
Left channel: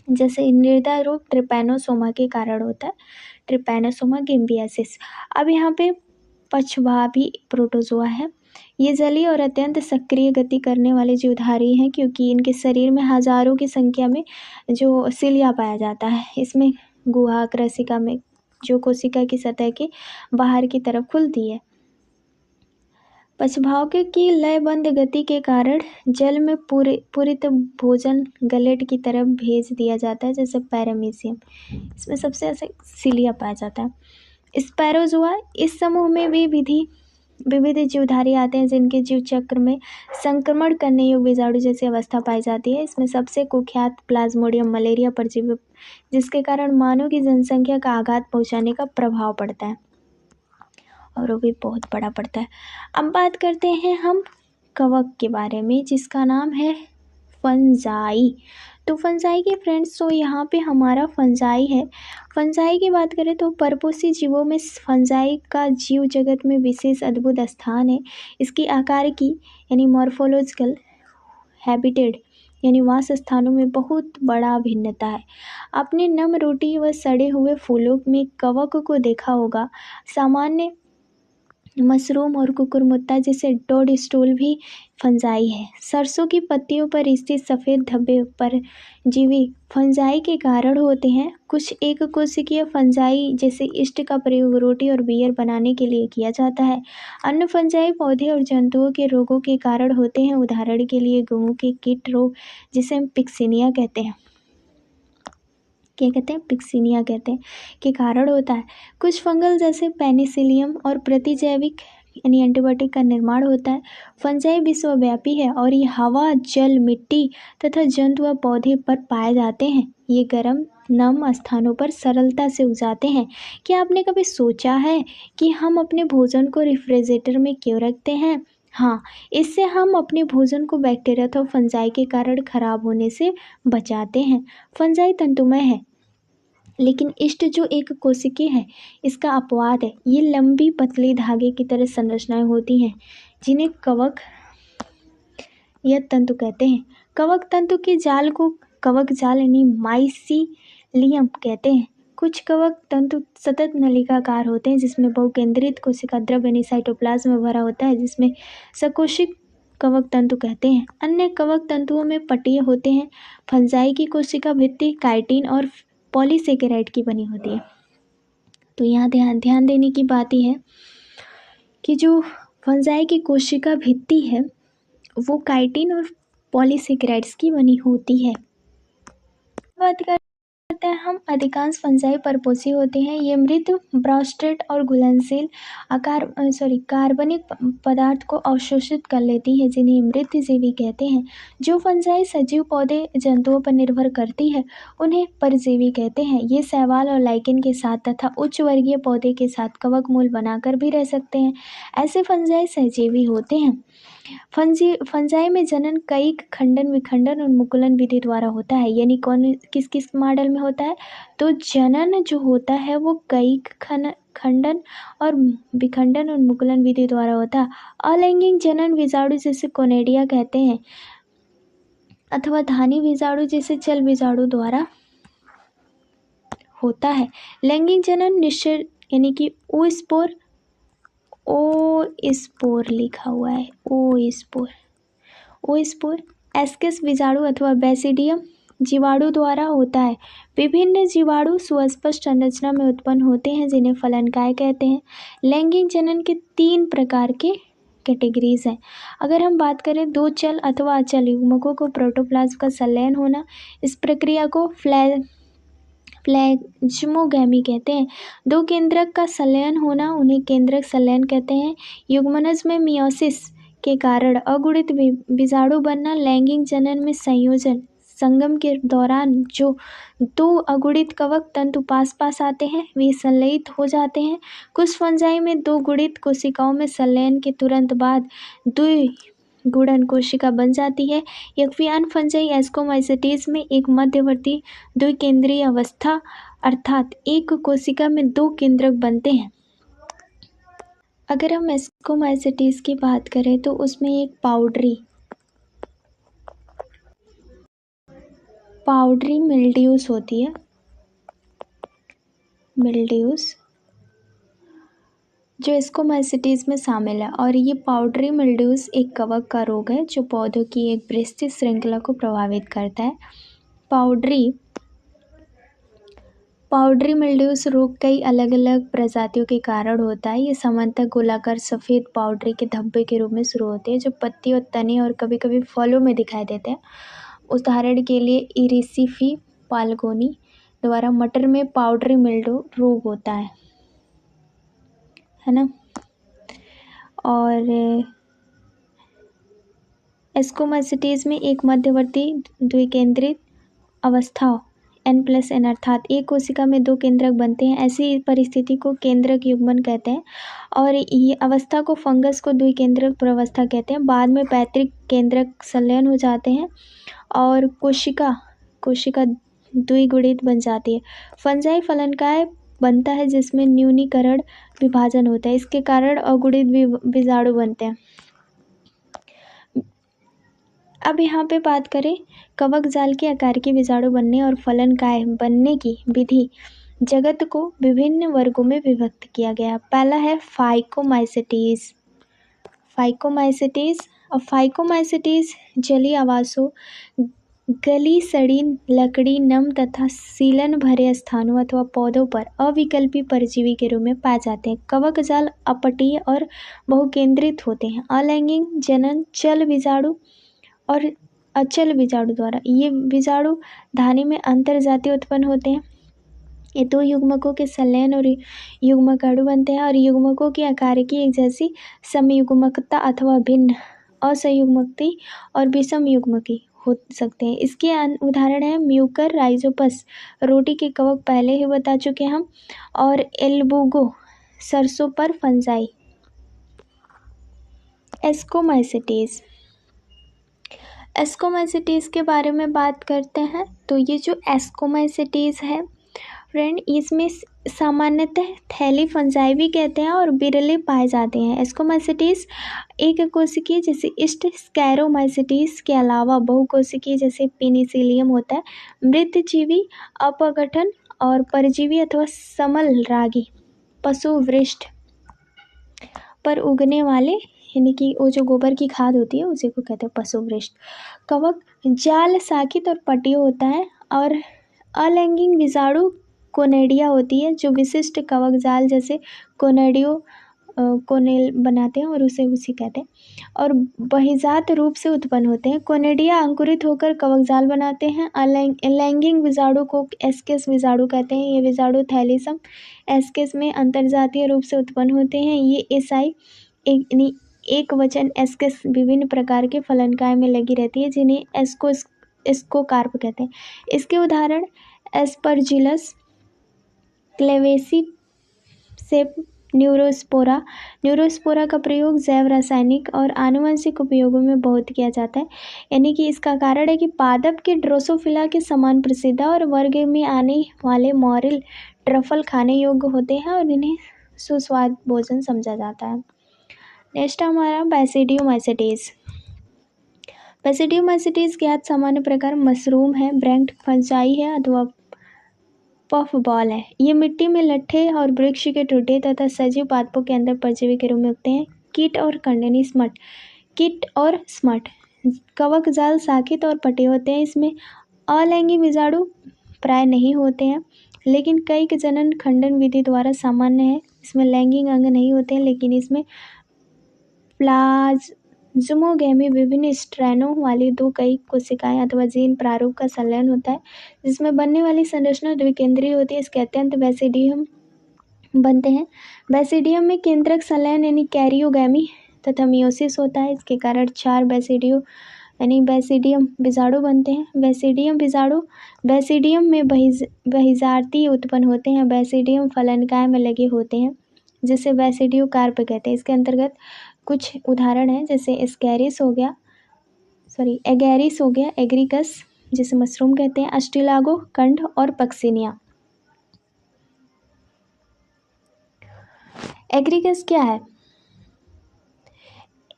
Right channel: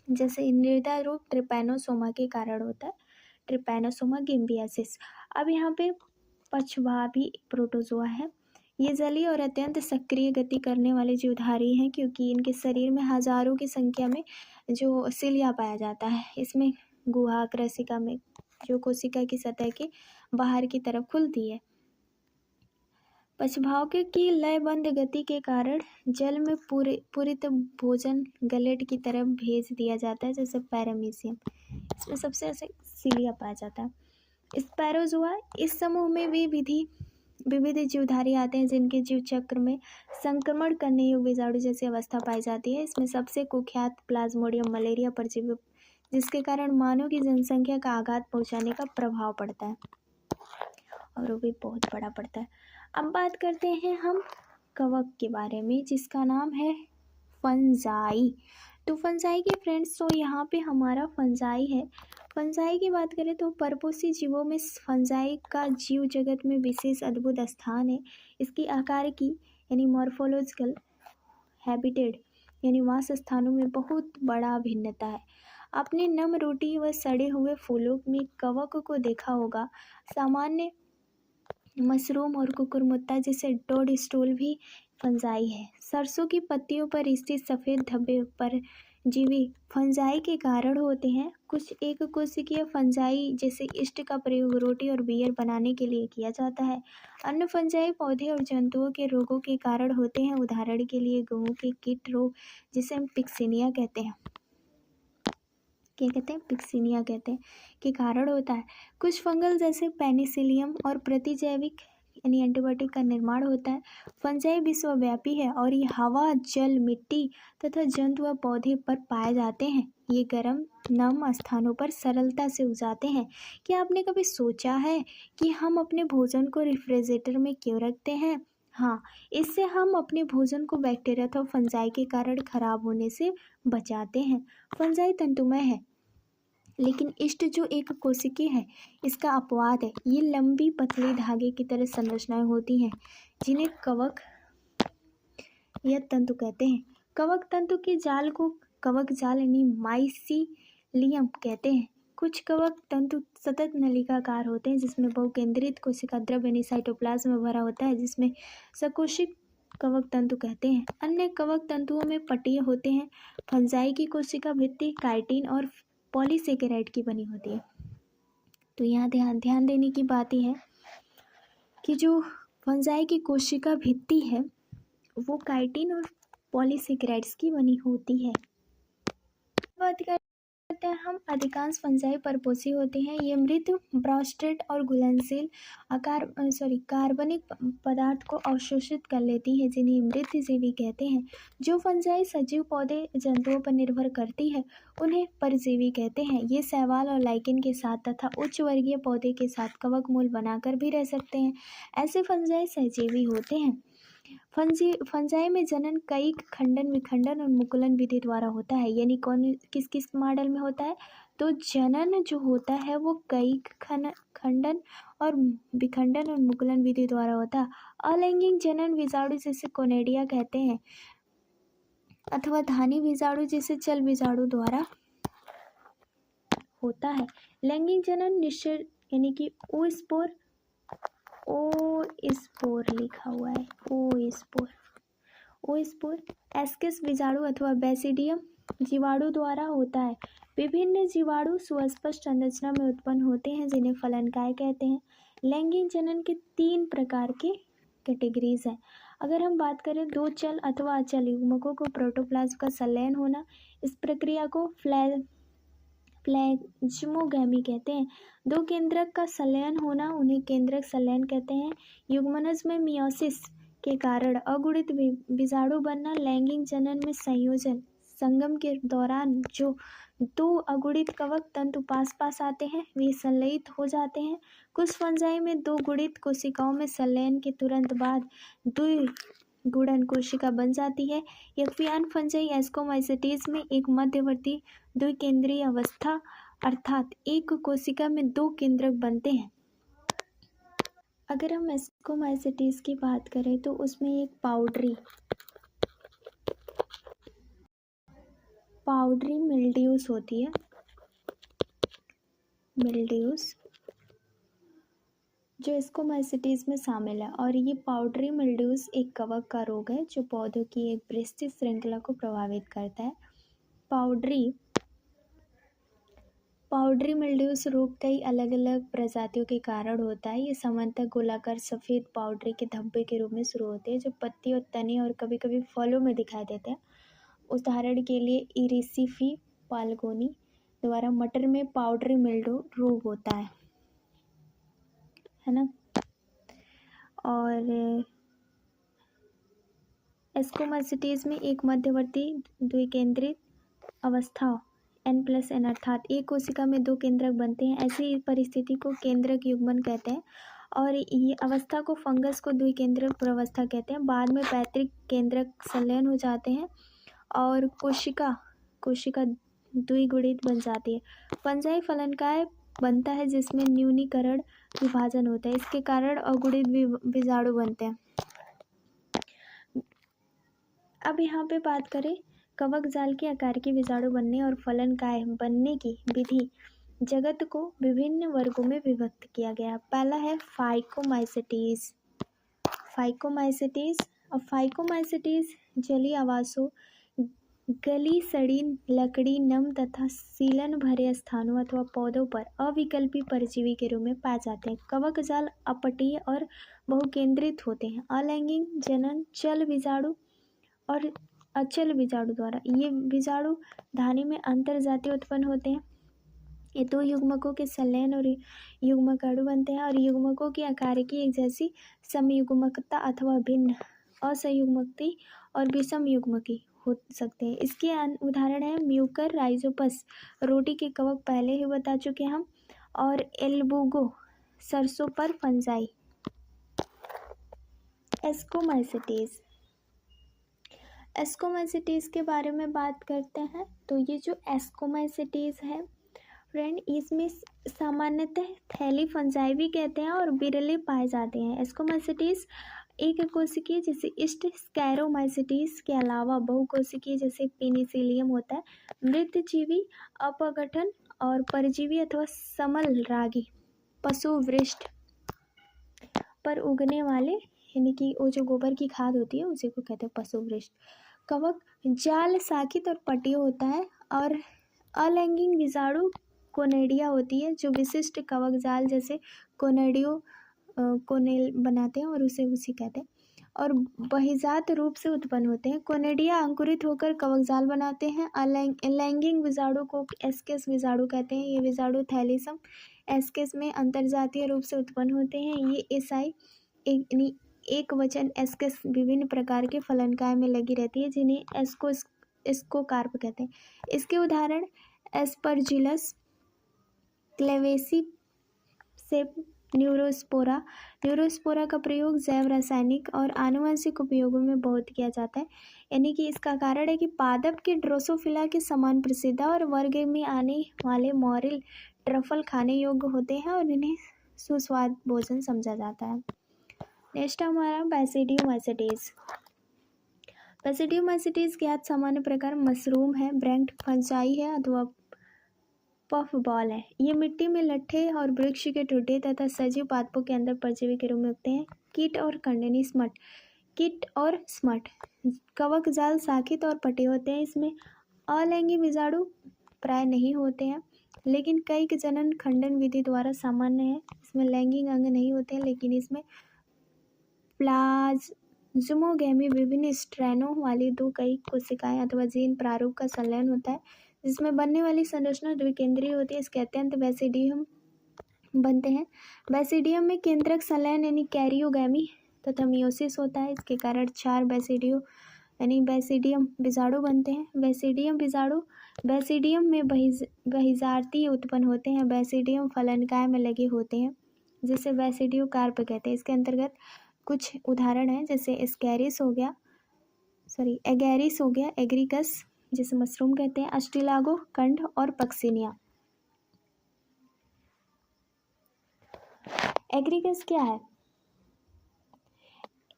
जैसे निर्दय रोग ट्रिपैनोसोमा के कारण होता है, ट्रिपैनोसोमा गिम्बियासिस। अब यहाँ पे पक्षभावी प्रोटोजोआ है। ये जलीय और अत्यंत सक्रिय गति करने वाले जीवधारी हैं, क्योंकि इनके शरीर में हजारों की संख्या में जो सिलिया पाया जाता है। इसमें गुहा क्रसिका में जो कोशिका की सतह के बाहर की तरफ खुलती है। पक्षभाव की लयबंद गति के कारण जल में पूरित भोजन गलेट की तरफ भेज दिया जाता है, जैसे पैरामीशियम। इसमें सबसे ऐसे सिलिया पाया जाता है। स्पैरोजोआ इस समूह में भी विविध जीवधारी आते हैं जिनके जीव चक्र में संक्रमण करने योग्य बीजाणु जैसी अवस्था पाई जाती है। इसमें सबसे कुख्यात प्लाज्मोडियम मलेरिया परजीवी, जिसके कारण मानव की जनसंख्या का आघात पहुंचाने का प्रभाव पड़ता है और वो भी बहुत बड़ा पड़ता है। अब बात करते हैं हम कवक के बारे में, जिसका नाम है फंजाई। तो फंजाई के फ्रेंड्स, तो यहाँ पे हमारा फंजाई है। फंजाई की बात करें तो परपोषी जीवों में फंजाई का जीव जगत में विशेष अद्भुत स्थान है। इसकी आकार की यानी मॉर्फोलॉजिकल हैबिटेट यानी वास स्थानों में बहुत बड़ा भिन्नता है। आपने नम रोटी व सड़े हुए फूलों में कवक को देखा होगा। सामान्य मशरूम और कुकुरमुत्ता जिसे टोड स्टूल भी फंजाई है। सरसों की पत्तियों पर स्थित सफ़ेद धब्बे परजीवी फंजाई के कारण होते हैं। कुछ एक कोशिकीय फंजाई जैसे यीस्ट का प्रयोग रोटी और बियर बनाने के लिए किया जाता है। अन्य फंजाई पौधे और जंतुओं के रोगों के कारण होते हैं। उदाहरण के लिए गेहूं के कीट रोग जिसे हम पिक्सिनिया कहते हैं, क्या कहते हैं, पिक्सिनिया कहते हैं, के कारण होता है। कुछ फंगल जैसे पेनिसिलियम और प्रतिजैविक यानी एंटीबायोटिक का निर्माण होता है। फंजाई विश्वव्यापी है और ये हवा, जल, मिट्टी तथा जंतु व पौधे पर पाए जाते हैं। ये गर्म नम स्थानों पर सरलता से उगाते हैं। क्या आपने कभी सोचा है कि हम अपने भोजन को रेफ्रिजरेटर में क्यों रखते हैं? हाँ, इससे हम अपने भोजन को बैक्टीरिया अथवा फंजाई के कारण खराब होने से बचाते हैं। फंजाई तंतुमय है, लेकिन यीस्ट जो एक कोशिकीय है इसका अपवाद है। ये लंबी पतली धागे की तरह संरचनाएं होती हैं जिन्हें कवक या तंतु कहते हैं। कवक तंतु के जाल को कवक जाल यानी माइसीलियम कहते हैं। कुछ कवक तंतु सतत नलिकाकार होते हैं जिसमें बहुकेंद्रित कोशिका द्रव यानी साइटोप्लाज्म में भरा होता है, जिसमें सकोशिक कवक तंतु कहते हैं। अन्य कवक तंतुओं में पट्टियाँ होते हैं। फंजाई की कोशिका भित्ति काइटिन और पॉलीसेकेराइड की बनी होती है। तो यहाँ ध्यान देने की बात यह है कि जो फंजाई की कोशिका भित्ति है वो काइटिन और पॉलीसेकेराइड्स की बनी होती है। बात करते हैं हम, अधिकांश फंजाई परपोषी होते हैं। ये मृत ब्रास्टेट और घुलनशील कार्बनिक पदार्थ को अवशोषित कर लेती है जिन्हें मृतजीवी कहते हैं। जो फंजाई सजीव पौधे जंतुओं पर निर्भर करती है उन्हें परजीवी कहते हैं। ये शैवाल और लाइकेन के साथ तथा उच्च वर्गीय पौधे के साथ कवक मूल बनाकर भी रह सकते हैं। ऐसे फंजाई सहजीवी होते हैं। फंजाई में जनन कई खंडन विखंडन और मुकुलन विधि द्वारा होता है। यानी कौन किस किस मॉडल में होता है? तो जनन जो होता है वो कई खंडन और विखंडन और मुकुलन विधि द्वारा होता है। अलैंगिक जनन बीजाणु जिसे कोनेडिया कहते हैं अथवा धानी बीजाणु जिसे चल बीजाणु द्वारा होता है। लैंगिक जनन निश्चित यानी कि ओ स्पोर लिखा हुआ है, ओ स्पोर एस्केस बीजाणु अथवा बेसिडियम जीवाणु द्वारा होता है। विभिन्न जीवाणु सुस्पष्ट संरचना में उत्पन्न होते हैं जिन्हें फलनकाय कहते हैं। लैंगिक जनन के 3 प्रकार के कैटेगरीज हैं। अगर हम बात करें दो चल अथवा अचल युग्मकों को प्रोटोप्लाज्म का संलयन होना, इस प्रक्रिया को फ्लेज्मोगैमी कहते हैं। दो केंद्रक का संलयन होना उन्हें केंद्रक संलयन कहते हैं। युग्मनज में मियोसिस के कारण अगुणित बीजाणु बनना, लैंगिक जनन में संयोजन संगम के दौरान जो 2 अगुणित कवक तंतु पास पास आते हैं वे संलयित हो जाते हैं। कुछ फंजाई में 2 गुणित कोशिकाओं में संलयन के तुरंत बाद द्विगुणन कोशिका बन जाती है। जबकि अन्य फंजाई एस्कोमाइसिटीज में एक मध्यवर्ती द्विकेंद्रीय अवस्था अर्थात एक कोशिका में 2 केंद्रक बनते हैं। अगर हम एस्कोमाइसिटीज की बात करें तो उसमें एक पाउडरी मिल्ड्यूस होती है, जो एस्कोमाइसिटीज में शामिल है। और ये पाउडरी मिल्ड्यूस एक कवक का रोग है जो पौधों की एक विस्तृत श्रृंखला को प्रभावित करता है। पाउडरी मिल्ड्यूस रोग कई अलग अलग प्रजातियों के कारण होता है। ये सामान्यतः गोलाकार सफ़ेद पाउडरी के धब्बे के रूप में शुरू होते हैं जो पत्ती और तने और कभी कभी फलों में दिखाई देते हैं। उदाहरण के लिए इरिसिफी पालगोनी द्वारा मटर में पाउडरी मिल्ड्यू रोग होता है ना। और एस्कोमाइसिटीज में एक मध्यवर्ती द्विकेंद्रित अवस्था N+N अर्थात एक कोशिका में 2 केंद्रक बनते हैं। ऐसी परिस्थिति को केंद्रक युग्मन कहते हैं और ये अवस्था को फंगस को द्विकेंद्रक प्रवस्था कहते हैं। बाद में पैतृक केंद्रक संलयन हो जाते हैं और कोशिका द्विगुणित बन जाती है। फंजाई फलनकाय बनता है जिसमें न्यूनीकरण विभाजन होता है। इसके कारण अगुणित बीजाणु बनते हैं। अब यहाँ पे बात करें कवक जाल के आकार के बीजाणु बनने और फलनकाय बनने की विधि, जगत को विभिन्न वर्गों में विभक्त किया गया। पहला है फाइकोमाइसेटीज। फाइकोमाइसेटीज और फाइकोमाइसेटीज जलीय आवासों, गली सड़ी लकड़ी, नम तथा सीलन भरे स्थानों अथवा पौधों पर अविकल्पी परजीवी के रूप में पाए जाते हैं। कवक जाल अपटीय और बहुकेंद्रित होते हैं। अलैंगिक जनन चल बीजाणु और अचल बीजाणु द्वारा। ये बीजाणु धानी में अंतर्जातीय उत्पन्न होते हैं। ये दो युग्मकों के संलयन और युग्मक बनते हैं और युग्मकों की आकार की एक जैसी समयुग्मकता अथवा भिन्न असंयुग्मकती और विषम युग्मकी हो सकते हैं। इसके उदाहरण हैं म्यूकर राइजोपस, रोटी के कवक पहले ही बता चुके हम, और एल्बुगो सरसों पर फंजाई। एस्कोमाइसिटीज। एस्कोमाइसिटीज के बारे में बात करते हैं। तो ये जो एस्कोमाइसिटीज है फ्रेंड, इसमें सामान्यतः थैली फंजाई भी कहते हैं और बिरले पाए जाते हैं। एस्कोमाइसिटीज एक कोशिकीय जैसे ईस्ट स्कैरोमाइसिटीज के अलावा बहुकोशिकीय जैसे पेनिसिलियम होता है। मृतजीवी, अपघटन और परजीवी अथवा समल रागी पशुवृष्ट पर उगने वाले, यानी कि वो जो गोबर की खाद होती है उसी को कहते हैं पशुवृष्ट। कवक जाल साकित और पटीय होता है और अलैंगिक बीजाणु कोनेडिया होती है जो विशिष्ट कवक जाल जैसे कोनेडियो कोनेल बनाते हैं और उसी कहते हैं और बहिजात रूप से उत्पन्न होते हैं। कोनेडिया अंकुरित होकर कवक जाल बनाते हैं। अलैंगिक बीजाणु को एस्केस बीजाणु कहते हैं। ये बीजाणु थैलीसम एस्केस में अंतर्जातीय रूप से उत्पन्न होते हैं। ये एसाई एक वचन एस्केस विभिन्न प्रकार के फलनकाय में लगी रहती है जिन्हें एस्कोकार्प कहते हैं। इसके उदाहरण एस्परजिलस, क्लेवेसी सेप, न्यूरोस्पोरा। न्यूरोस्पोरा का प्रयोग जैव रासायनिक और आनुवंशिक उपयोगों में बहुत किया जाता है। यानी कि इसका कारण है कि पादप के ड्रोसोफिला के समान प्रसिद्ध और वर्ग में आने वाले मॉरिल ट्रफल खाने योग्य होते हैं और इन्हें सुस्वाद भोजन समझा जाता है। नेक्स्ट हमारा बैसिडियोमाइसिटीज। बैसिडियोमाइसिटीज ज्ञात सामान्य प्रकार मशरूम है, ब्रैंक्ट फंजाई है अथवा पफ बॉल है। ये मिट्टी में लट्ठे और वृक्ष के टुकड़े तथा सजीव पादपों के अंदर परजीवी के रूप में उगते हैं। कीट और कंडनी स्मट। कीट और स्मट कवक जाल साकित और पटे होते हैं। इसमें अलैंगिक बीजाणु प्राय नहीं होते हैं लेकिन कई जनन खंडन विधि द्वारा सामान्य है। इसमें लैंगिक अंग नहीं होते हैं लेकिन इसमें प्लाज्मोगेमी विभिन्न स्ट्रैनों वाली दो कई कोशिकाएं अथवा जीन प्रारूप का संलयन होता है जिसमें बनने वाली संरचना द्विकेंद्रीय होती है। इसके अत्यंत बैसिडियम बनते हैं। बैसिडियम में केंद्रक संलयन यानी कैरियोगैमी तथा मियोसिस होता है। इसके कारण 4 बैसिडियम बीजाणु बनते हैं। बैसिडियम बीजाणु बैसिडियम में बहिर्जातीय उत्पन्न होते हैं। बैसिडियम फलनकाय में लगे होते हैं जिसे बैसिडियोकार्प कहते हैं। इसके अंतर्गत कुछ उदाहरण हैं जैसे एगेरिस हो गया, एग्रिकस जिसे मशरूम कहते हैं, अस्टिलागो कंड और पक्सिनिया। एग्रिकस क्या है?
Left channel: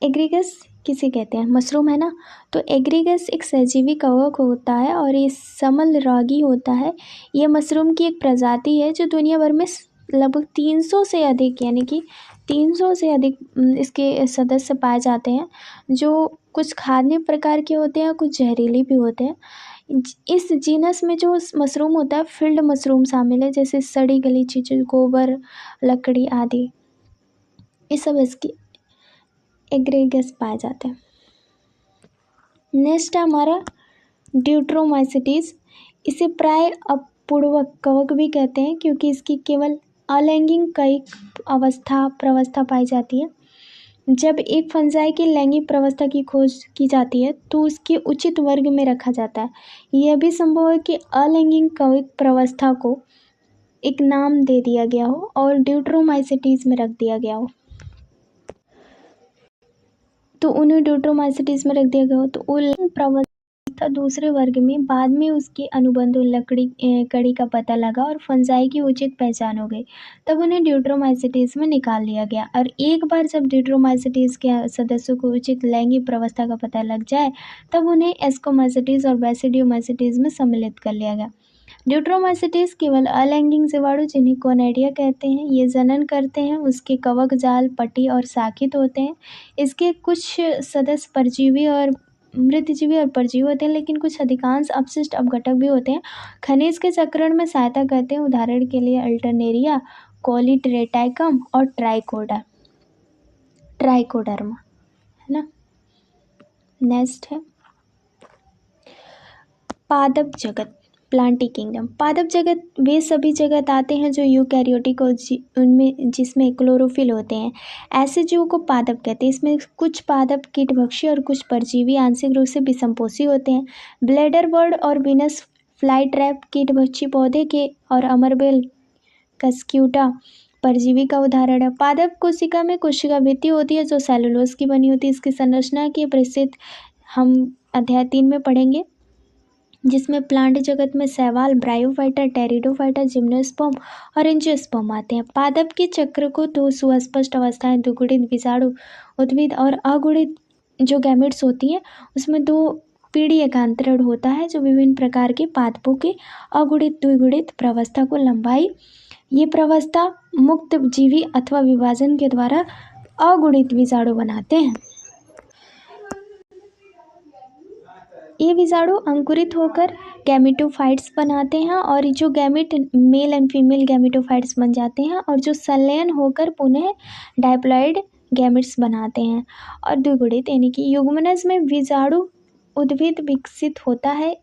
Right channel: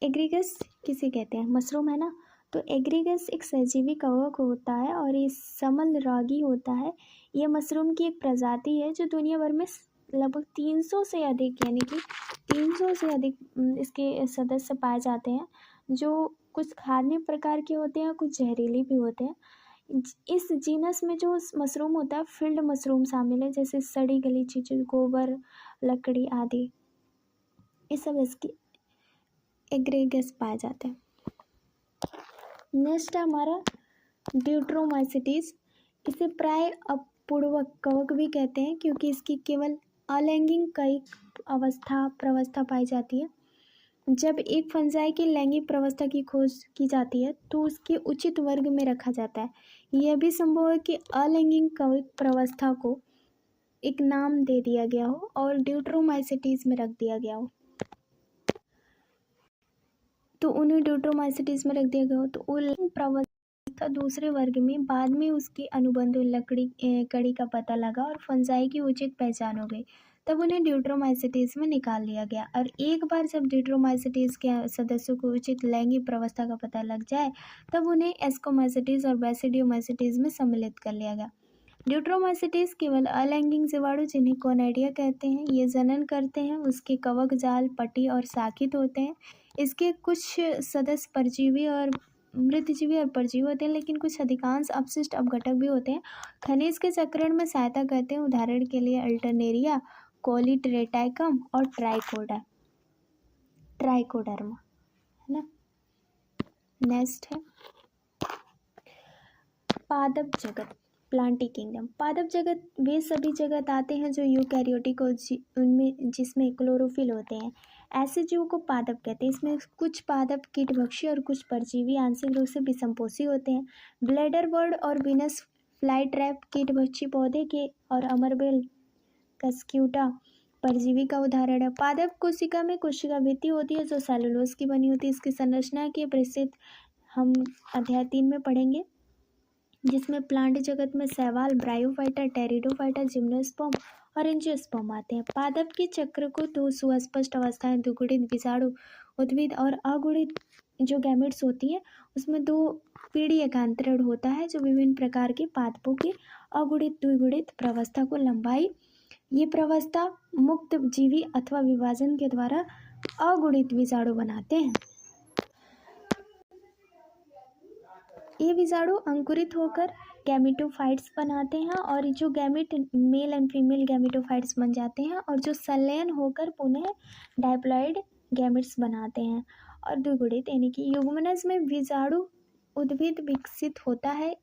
एग्रिकस किसे कहते हैं? मशरूम है ना। तो एग्रिकस एक सहजीवी कवक होता है और ये समल रागी होता है। ये मशरूम की एक प्रजाति है जो दुनिया भर में लगभग 300 से अधिक, यानी कि 300 से अधिक इसके सदस्य पाए जाते हैं जो कुछ खाद्य प्रकार के होते हैं, कुछ जहरीले भी होते हैं। इस जीनस में जो मशरूम होता है फील्ड मशरूम शामिल है जैसे सड़ी गली चीज़ें, गोबर, लकड़ी आदि, ये सब इसकी एग्रेगस पाए जाते हैं। नेक्स्ट हमारा ड्यूट्रोमाइसिटीज। इसे प्राय अपूर्वक कवक भी कहते हैं क्योंकि इसकी केवल अलैंगिक कई प्रवस्था पाई जाती है। जब एक फंजाई की लैंगिक प्रवस्था की खोज की जाती है तो उसके उचित वर्ग में रखा जाता है। यह भी संभव है कि अलैंगिक कवक प्रवस्था को एक नाम दे दिया गया हो और ड्यूट्रोमाइसिटीज में रख दिया गया हो, तो उन्हें ड्यूट्रोमाइसिटीज में रख दिया गया हो तो अलैंगिक प्रवस्था दूसरे वर्ग में बाद में उसके अनुबंध कड़ी का पता लगा और फंजाई की उचित पहचान हो गई, तब उन्हें ड्यूट्रोमाइसिटीज में निकाल लिया गया। और एक बार जब ड्यूट्रोमाइसिटीज के सदस्यों को उचित लैंगिक प्रवस्था का पता लग जाए तब उन्हें एस्कोमाइसिटीज और बैसिडियोमाइसिटीज में सम्मिलित कर लिया गया। ड्यूट्रोमाइसिटीज केवल अलैंगिक जीवाणु जिन्हें कोनेडिया कहते हैं, ये जनन करते हैं। उसके कवक जाल पटी और शाखित होते हैं। इसके कुछ सदस्य परजीवी और मृतजीवी और परजीवी होते हैं, लेकिन कुछ अधिकांश अपशिष्ट अपघटक भी होते हैं। खनिज के चक्रण में सहायता करते हैं, उदाहरण के लिए अल्टरनेरिया, कॉलीट्रेटाइकम और ट्राइकोडर्मा, है ना। नेक्स्ट है पादप जगत, प्लांटी किंगडम। पादप जगत वे सभी जगत आते हैं जो यूकैरियोटिक और उनमें जिसमें क्लोरोफिल होते हैं, ऐसे जीवों को पादप कहते हैं। इसमें कुछ पादप कीटभक्षी और कुछ परजीवी आंशिक रूप से विषमपोषी होते हैं। ब्लेडर बर्ड और वीनस फ्लाई ट्रैप कीटभक्षी पौधे के और अमरबेल कस्क्यूटा परजीवी का उदाहरण है। पादप कोशिका में कोशिका भित्ति होती है जो सेलुलोज की बनी होती है। इसकी संरचना की परिस्थिति हम अध्याय 3 में पढ़ेंगे, जिसमें प्लांट जगत में शैवाल, ब्रायोफाइटा, टेरिडोफाइटा, जिम्नोस्पर्म और एंजियोस्पर्म आते हैं। पादप के चक्र को दो सुस्पष्ट अवस्थाएं, द्विगुणित बीजाणु उद्भिद और अगुणित जो गैमेट्स होती हैं, उसमें दो पीढ़ी एकांतरण होता है जो विभिन्न प्रकार के पादपों के अगुणित द्विगुणित प्रवस्था को लंबाई, ये प्रवस्था मुक्त जीवी अथवा विभाजन के द्वारा अगुणित बीजाणु बनाते हैं। ये बीजाणु अंकुरित होकर गैमेटोफाइट्स बनाते हैं और जो gamete male and female gametophytes बन जाते हैं और जो संलयन होकर पुनः डायप्लॉइड गैमेट्स बनाते हैं और द्विगुणित यानी कि युग्मनज में बीजाणु उद्भिद विकसित होता है।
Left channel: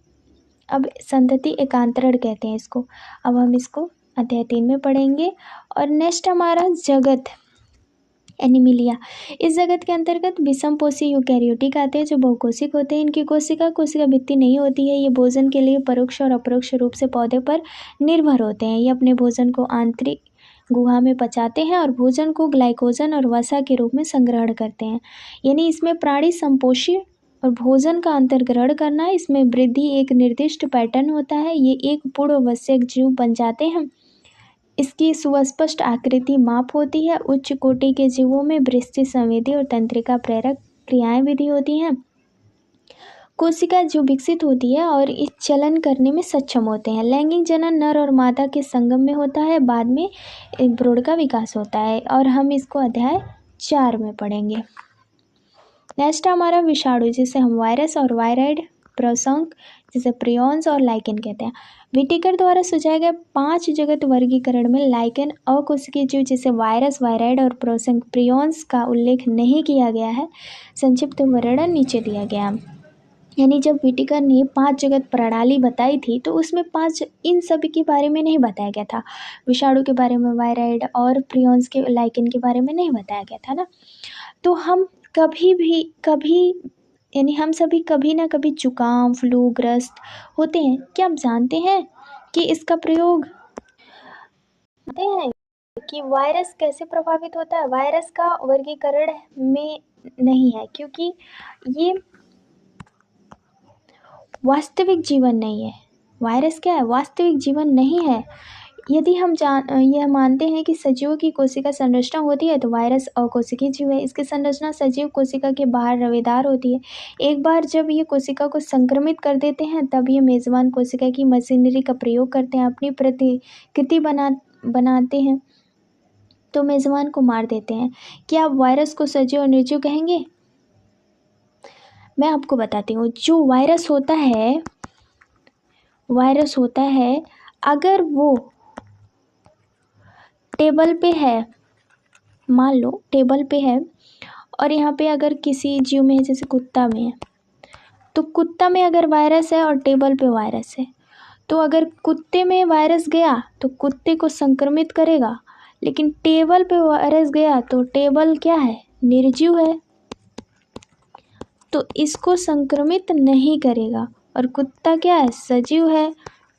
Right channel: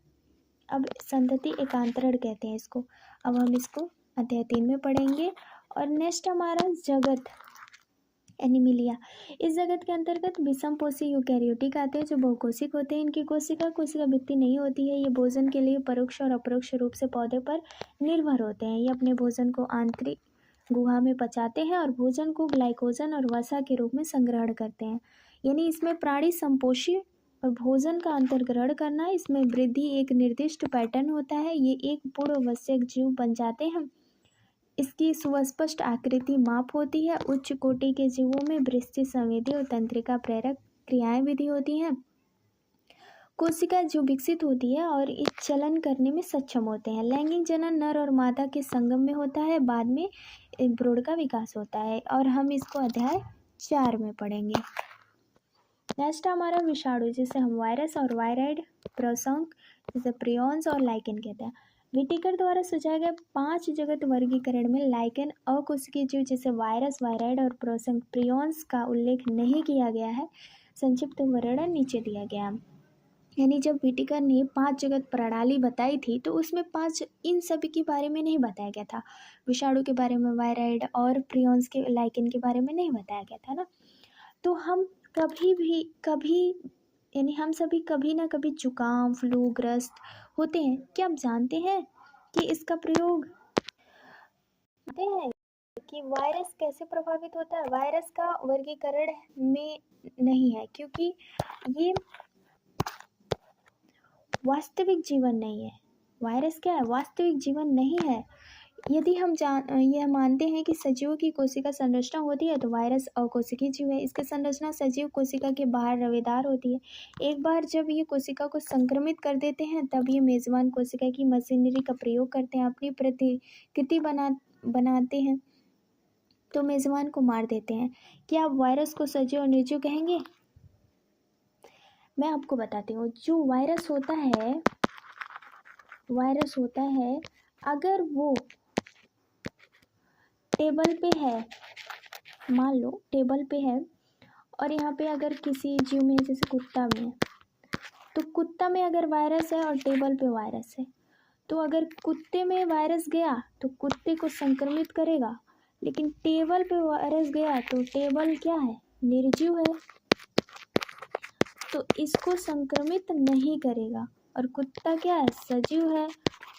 अब संतति एकांतरण कहते हैं इसको। अब हम इसको अध्याय 3 में पढ़ेंगे। और नेक्स्ट हमारा जगत एनिमिलिया। इस जगत के अंतर्गत विषमपोषी यूकैरियोटिक आते हैं जो बहुकोशिक होते हैं। इनकी कोशिका भित्ति नहीं होती है। ये भोजन के लिए परोक्ष और अपरोक्ष रूप से पौधे पर निर्भर होते हैं। ये अपने भोजन को आंतरिक गुहा में पचाते हैं और भोजन को ग्लाइकोजन और वसा के रूप में संग्रहण करते हैं। यानी इसमें प्राणी संपोषी और भोजन का अंतर्ग्रहण करना, इसमें वृद्धि एक निर्दिष्ट पैटर्न होता है। ये एक पूर्ववश्यक जीव बन जाते हैं। इसकी सुस्पष्ट आकृति माप होती है। उच्च कोटि के जीवों में वृष्टि संवेदी और तंत्रिका प्रेरक क्रियाएं विधि होती हैं। कोशिका जो विकसित होती है और इस चलन करने में सक्षम होते हैं। लैंगिक जनन नर और मादा के संगम में होता है, बाद में भ्रूण का विकास होता है और हम इसको अध्याय 4 में पढ़ेंगे। नेक्स्ट हमारा विषाणु, जिसे हम वायरस और वायराइड, प्रोसंक जिसे प्रियॉन्स और लाइकेन कहते हैं। विटिकर द्वारा सुझाए गए 5 जगत वर्गीकरण में लाइकेन अकोशिकीय जीव जिसे वायरस, वायराइड और प्रोसंक प्रियॉन्स का उल्लेख नहीं किया गया है। संक्षिप्त वर्णन नीचे दिया गया। यानी जब विटिकर ने 5 जगत प्रणाली बताई थी तो उसमें 5 इन सभी के बारे में नहीं बताया गया था। विषाणु के बारे में, वायराइड और प्रियॉन्स के, लाइकेन के बारे में नहीं बताया गया था ना। तो हम यानी हम सभी कभी ना कभी जुकाम, फ्लू ग्रस्त होते हैं। क्या आप जानते हैं कि इसका प्रयोग जानते हैं कि वायरस कैसे प्रभावित होता है? वायरस का वर्गीकरण में नहीं है क्योंकि ये वास्तविक जीवन नहीं है। वायरस क्या है? वास्तविक जीवन नहीं है। यदि हम यह मानते हैं कि सजीवों की कोशिका संरचना होती है तो वायरस अकोशिकीय जीव है। इसकी संरचना सजीव कोशिका के बाहर रवेदार होती है। एक बार जब ये कोशिका को संक्रमित कर देते हैं तब ये मेजबान कोशिका की मशीनरी का प्रयोग करते हैं, अपनी प्रतिकृति बनाते हैं तो मेजबान को मार देते हैं। क्या आप वायरस को सजीव और निर्जीव कहेंगे? मैं आपको बताती हूँ। जो वायरस होता है अगर वो टेबल पे है, मान लो टेबल पे है और यहाँ पे अगर किसी जीव में है, जैसे कुत्ता में है, तो कुत्ता में अगर वायरस है और टेबल पे वायरस है तो अगर कुत्ते में वायरस गया तो कुत्ते को संक्रमित करेगा, लेकिन टेबल पे वायरस गया तो टेबल क्या है? निर्जीव है, तो इसको संक्रमित नहीं करेगा। और कुत्ता क्या है? सजीव है,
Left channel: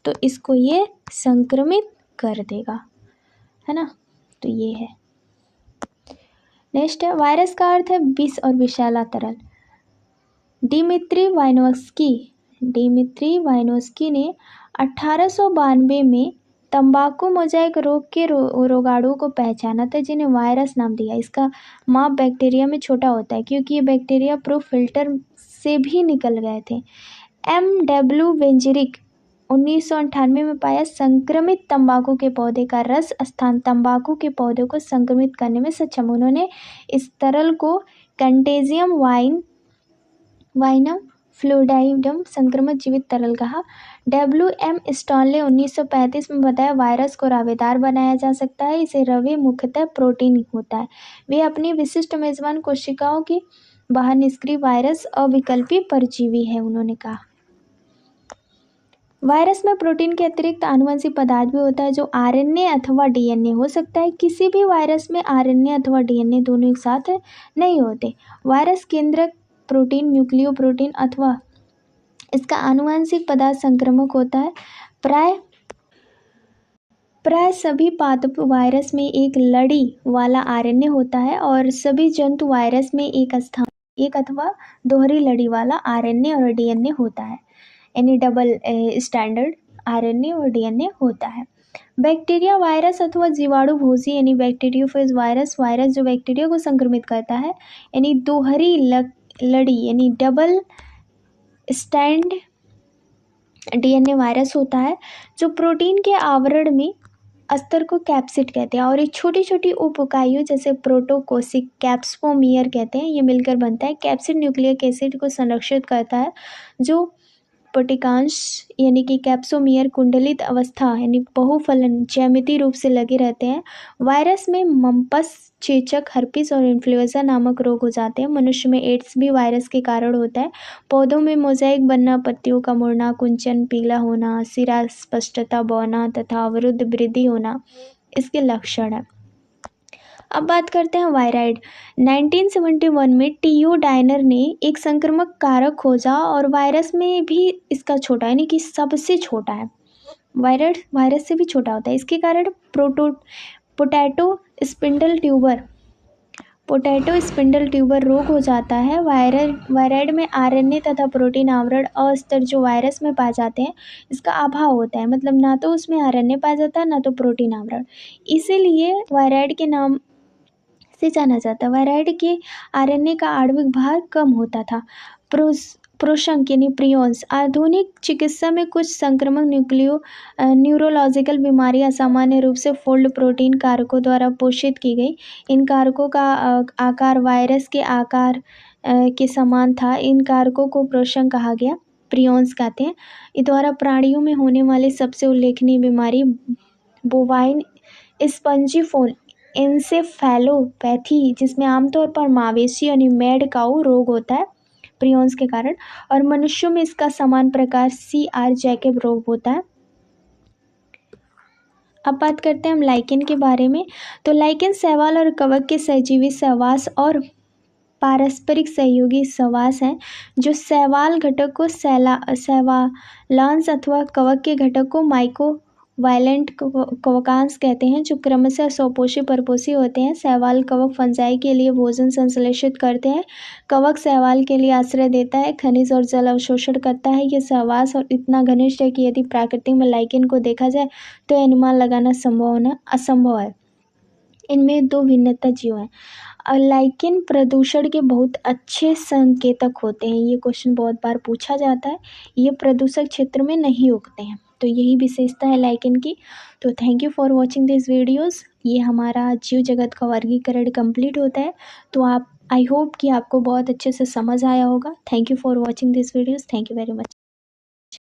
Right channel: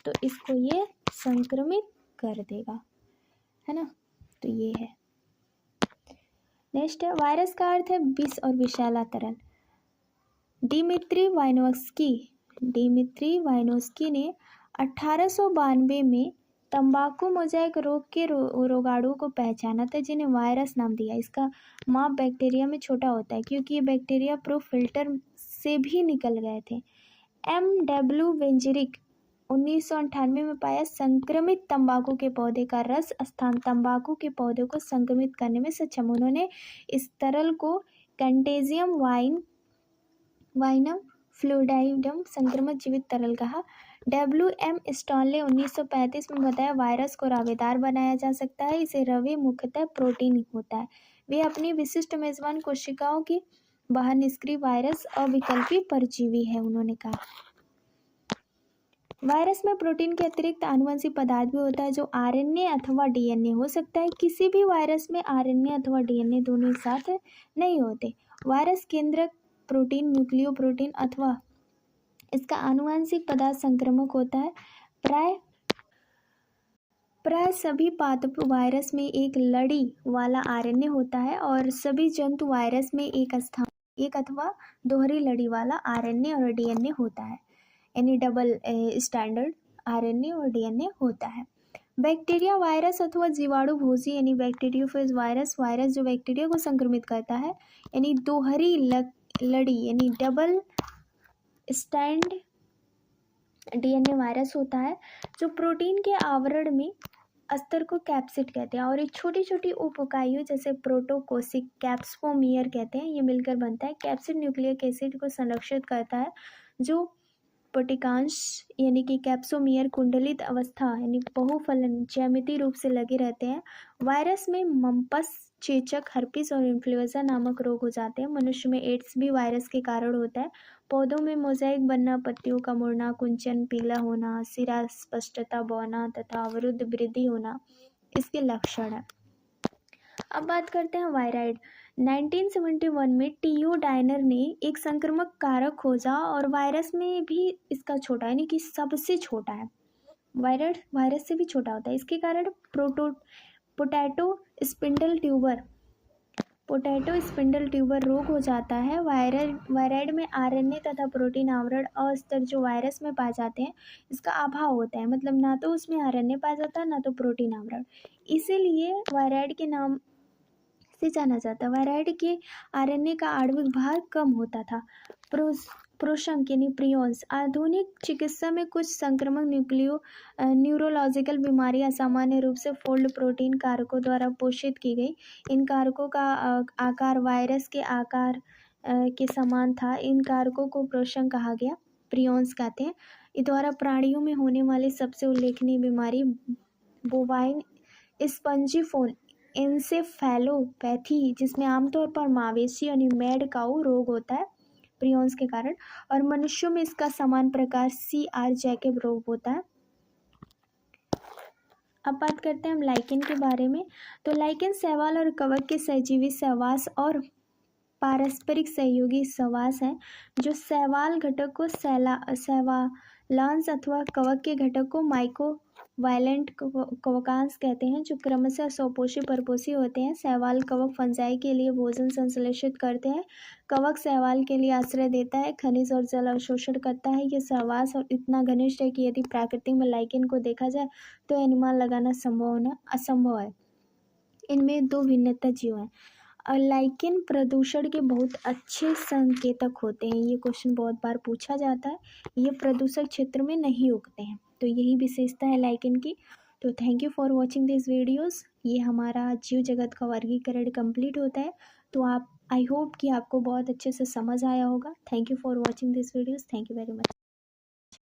तो इसको ये संक्रमित कर देगा, है ना। तो ये है। नेक्स्ट है वायरस का अर्थ है विष और विषैला तरल। डिमित्री वाइनोस्की ने 1892 में तंबाकू मोजाइक रोग के रोगाणुओं को पहचाना था जिन्हें वायरस नाम दिया। इसका माप बैक्टीरिया में छोटा होता है क्योंकि ये बैक्टीरिया प्रो फिल्टर से भी निकल गए थे। M.W. वेंजरिक 1998 में पाया संक्रमित तंबाकू के पौधे का रस स्थान तंबाकू के पौधे को संक्रमित करने में सक्षम। उन्होंने इस तरल को कंटेजियम वाइनम फ्लूइडाइडम संक्रमित जीवित तरल कहा। WM स्टॉल ने 1935 में बताया वायरस को रावेदार बनाया जा सकता है। इसे रवे मुख्यतः प्रोटीन होता है। वे अपनी विशिष्ट मेजबान कोशिकाओं के बाहर निष्क्रिय वायरस अविकल्पी परजीवी है। उन्होंने कहा वायरस में प्रोटीन के अतिरिक्त आनुवंशिक पदार्थ भी होता है जो RNA अथवा DNA हो सकता है। किसी भी वायरस में RNA अथवा DNA दोनों एक साथ नहीं होते। वायरस केंद्रक प्रोटीन न्यूक्लियो प्रोटीन अथवा इसका आनुवंशिक पदार्थ संक्रामक होता है। प्राय सभी पादप वायरस में एक लड़ी वाला RNA होता है और सभी जंतु वायरस में एक अथवा दोहरी लड़ी वाला RNA और DNA होता है, यानी डबल स्टैंडर्ड RNA और DNA होता है। बैक्टीरिया वायरस अथवा जीवाणु भोजी यानी बैक्टीरियोफेज वायरस जो बैक्टीरिया को संक्रमित करता है, यानी दोहरी लड़ी यानी डबल स्टैंड DNA वायरस होता है जो प्रोटीन के आवरण में अस्तर को कैप्सिड कहते हैं और ये छोटी छोटी उप इकाइयों जैसे प्रोटोकोसिक कैप्सोमियर कहते हैं, ये मिलकर बनता है। कैप्सिड न्यूक्लिक एसिड को संरक्षित करता है जो पटिकांश यानी कि कैप्सोमियर कुंडलित अवस्था यानी बहुफलन ज्यामितीय रूप से लगे रहते हैं। वायरस में मम्पस, चेचक, हर्पिस और इन्फ्लुएंजा नामक रोग हो जाते हैं। मनुष्य में एड्स भी वायरस के कारण होता है। पौधों में मोजाइक बनना, पत्तियों का मुड़ना, कुंचन, पीला होना, सिरा स्पष्टता बौना तथा अवरुद्ध वृद्धि होना इसके लक्षण है। अब बात करते हैं वायराइड। 1971 में टीओ डायनर ने एक संक्रामक कारक खोजा और वायरस में भी इसका छोटा यानी कि सबसे छोटा है। वायरस से भी छोटा होता है। इसके कारण पोटैटो स्पिंडल ट्यूबर रोग हो जाता है। वायराइड में RNA तथा प्रोटीन आवरण अस्तर जो वायरस में पाए जाते हैं इसका अभाव होता है, मतलब ना तो उसमें RNA पाया जाता है ना तो प्रोटीन आवरण, इसीलिए वायराइड के नाम से जाना जाता है। वायराइड के RNA का आणविक भार कम होता था। प्रोशंक यानी प्रियोन्स। आधुनिक चिकित्सा में कुछ संक्रामक न्यूरोलॉजिकल बीमारी असामान्य रूप से फोल्ड प्रोटीन कारकों द्वारा पोषित की गई। इन कारकों का आकार वायरस के आकार के समान था। इन कारकों को प्रोशंक कहा गया, प्रियोन्स कहते हैं। इस द्वारा प्राणियों में होने वाली सबसे उल्लेखनीय बीमारी बोवाइन स्पंजीफोन एन्सेफेलोपैथी, जिसमें आमतौर पर मवेशी यानी मैड काऊ रोग होता है प्रियोन्स के कारण, और मनुष्यों में इसका समान प्रकार CR जैकब रोग होता है। अब बात करते हैं हम लाइकेन के बारे में। तो लाइकेन शैवाल और कवक के सहजीवी सहवास और पारस्परिक सहयोगी सहवास हैं जो शैवाल घटक को शैवालांश अथवा कवक के घटक को माइक्रोवायलेंट कवकांश कहते हैं, जो क्रमशः स्वपोषी परपोषी होते हैं। शैवाल कवक फंजाई के लिए भोजन संश्लेषित करते हैं। कवक शैवाल के लिए आश्रय देता है, खनिज और जल अवशोषण करता है। यह सहवास और इतना घनिष्ठ है कि यदि प्रकृति में लाइकेन को देखा जाए तो अनुमान लगाना असंभव है। इनमें दो भिन्नता जीव हैं। लाइकेन प्रदूषण के बहुत अच्छे संकेतक होते हैं। ये क्वेश्चन बहुत बार पूछा जाता है। ये प्रदूषक क्षेत्र में नहीं उगते हैं, तो यही विशेषता है लाइकेन की। तो thank you for watching this videos. ये हमारा जीव जगत का वर्गीकरण कंप्लीट होता है। तो आई होप कि आपको बहुत अच्छे से समझ आया होगा। Thank you for watching this videos. Thank you very much.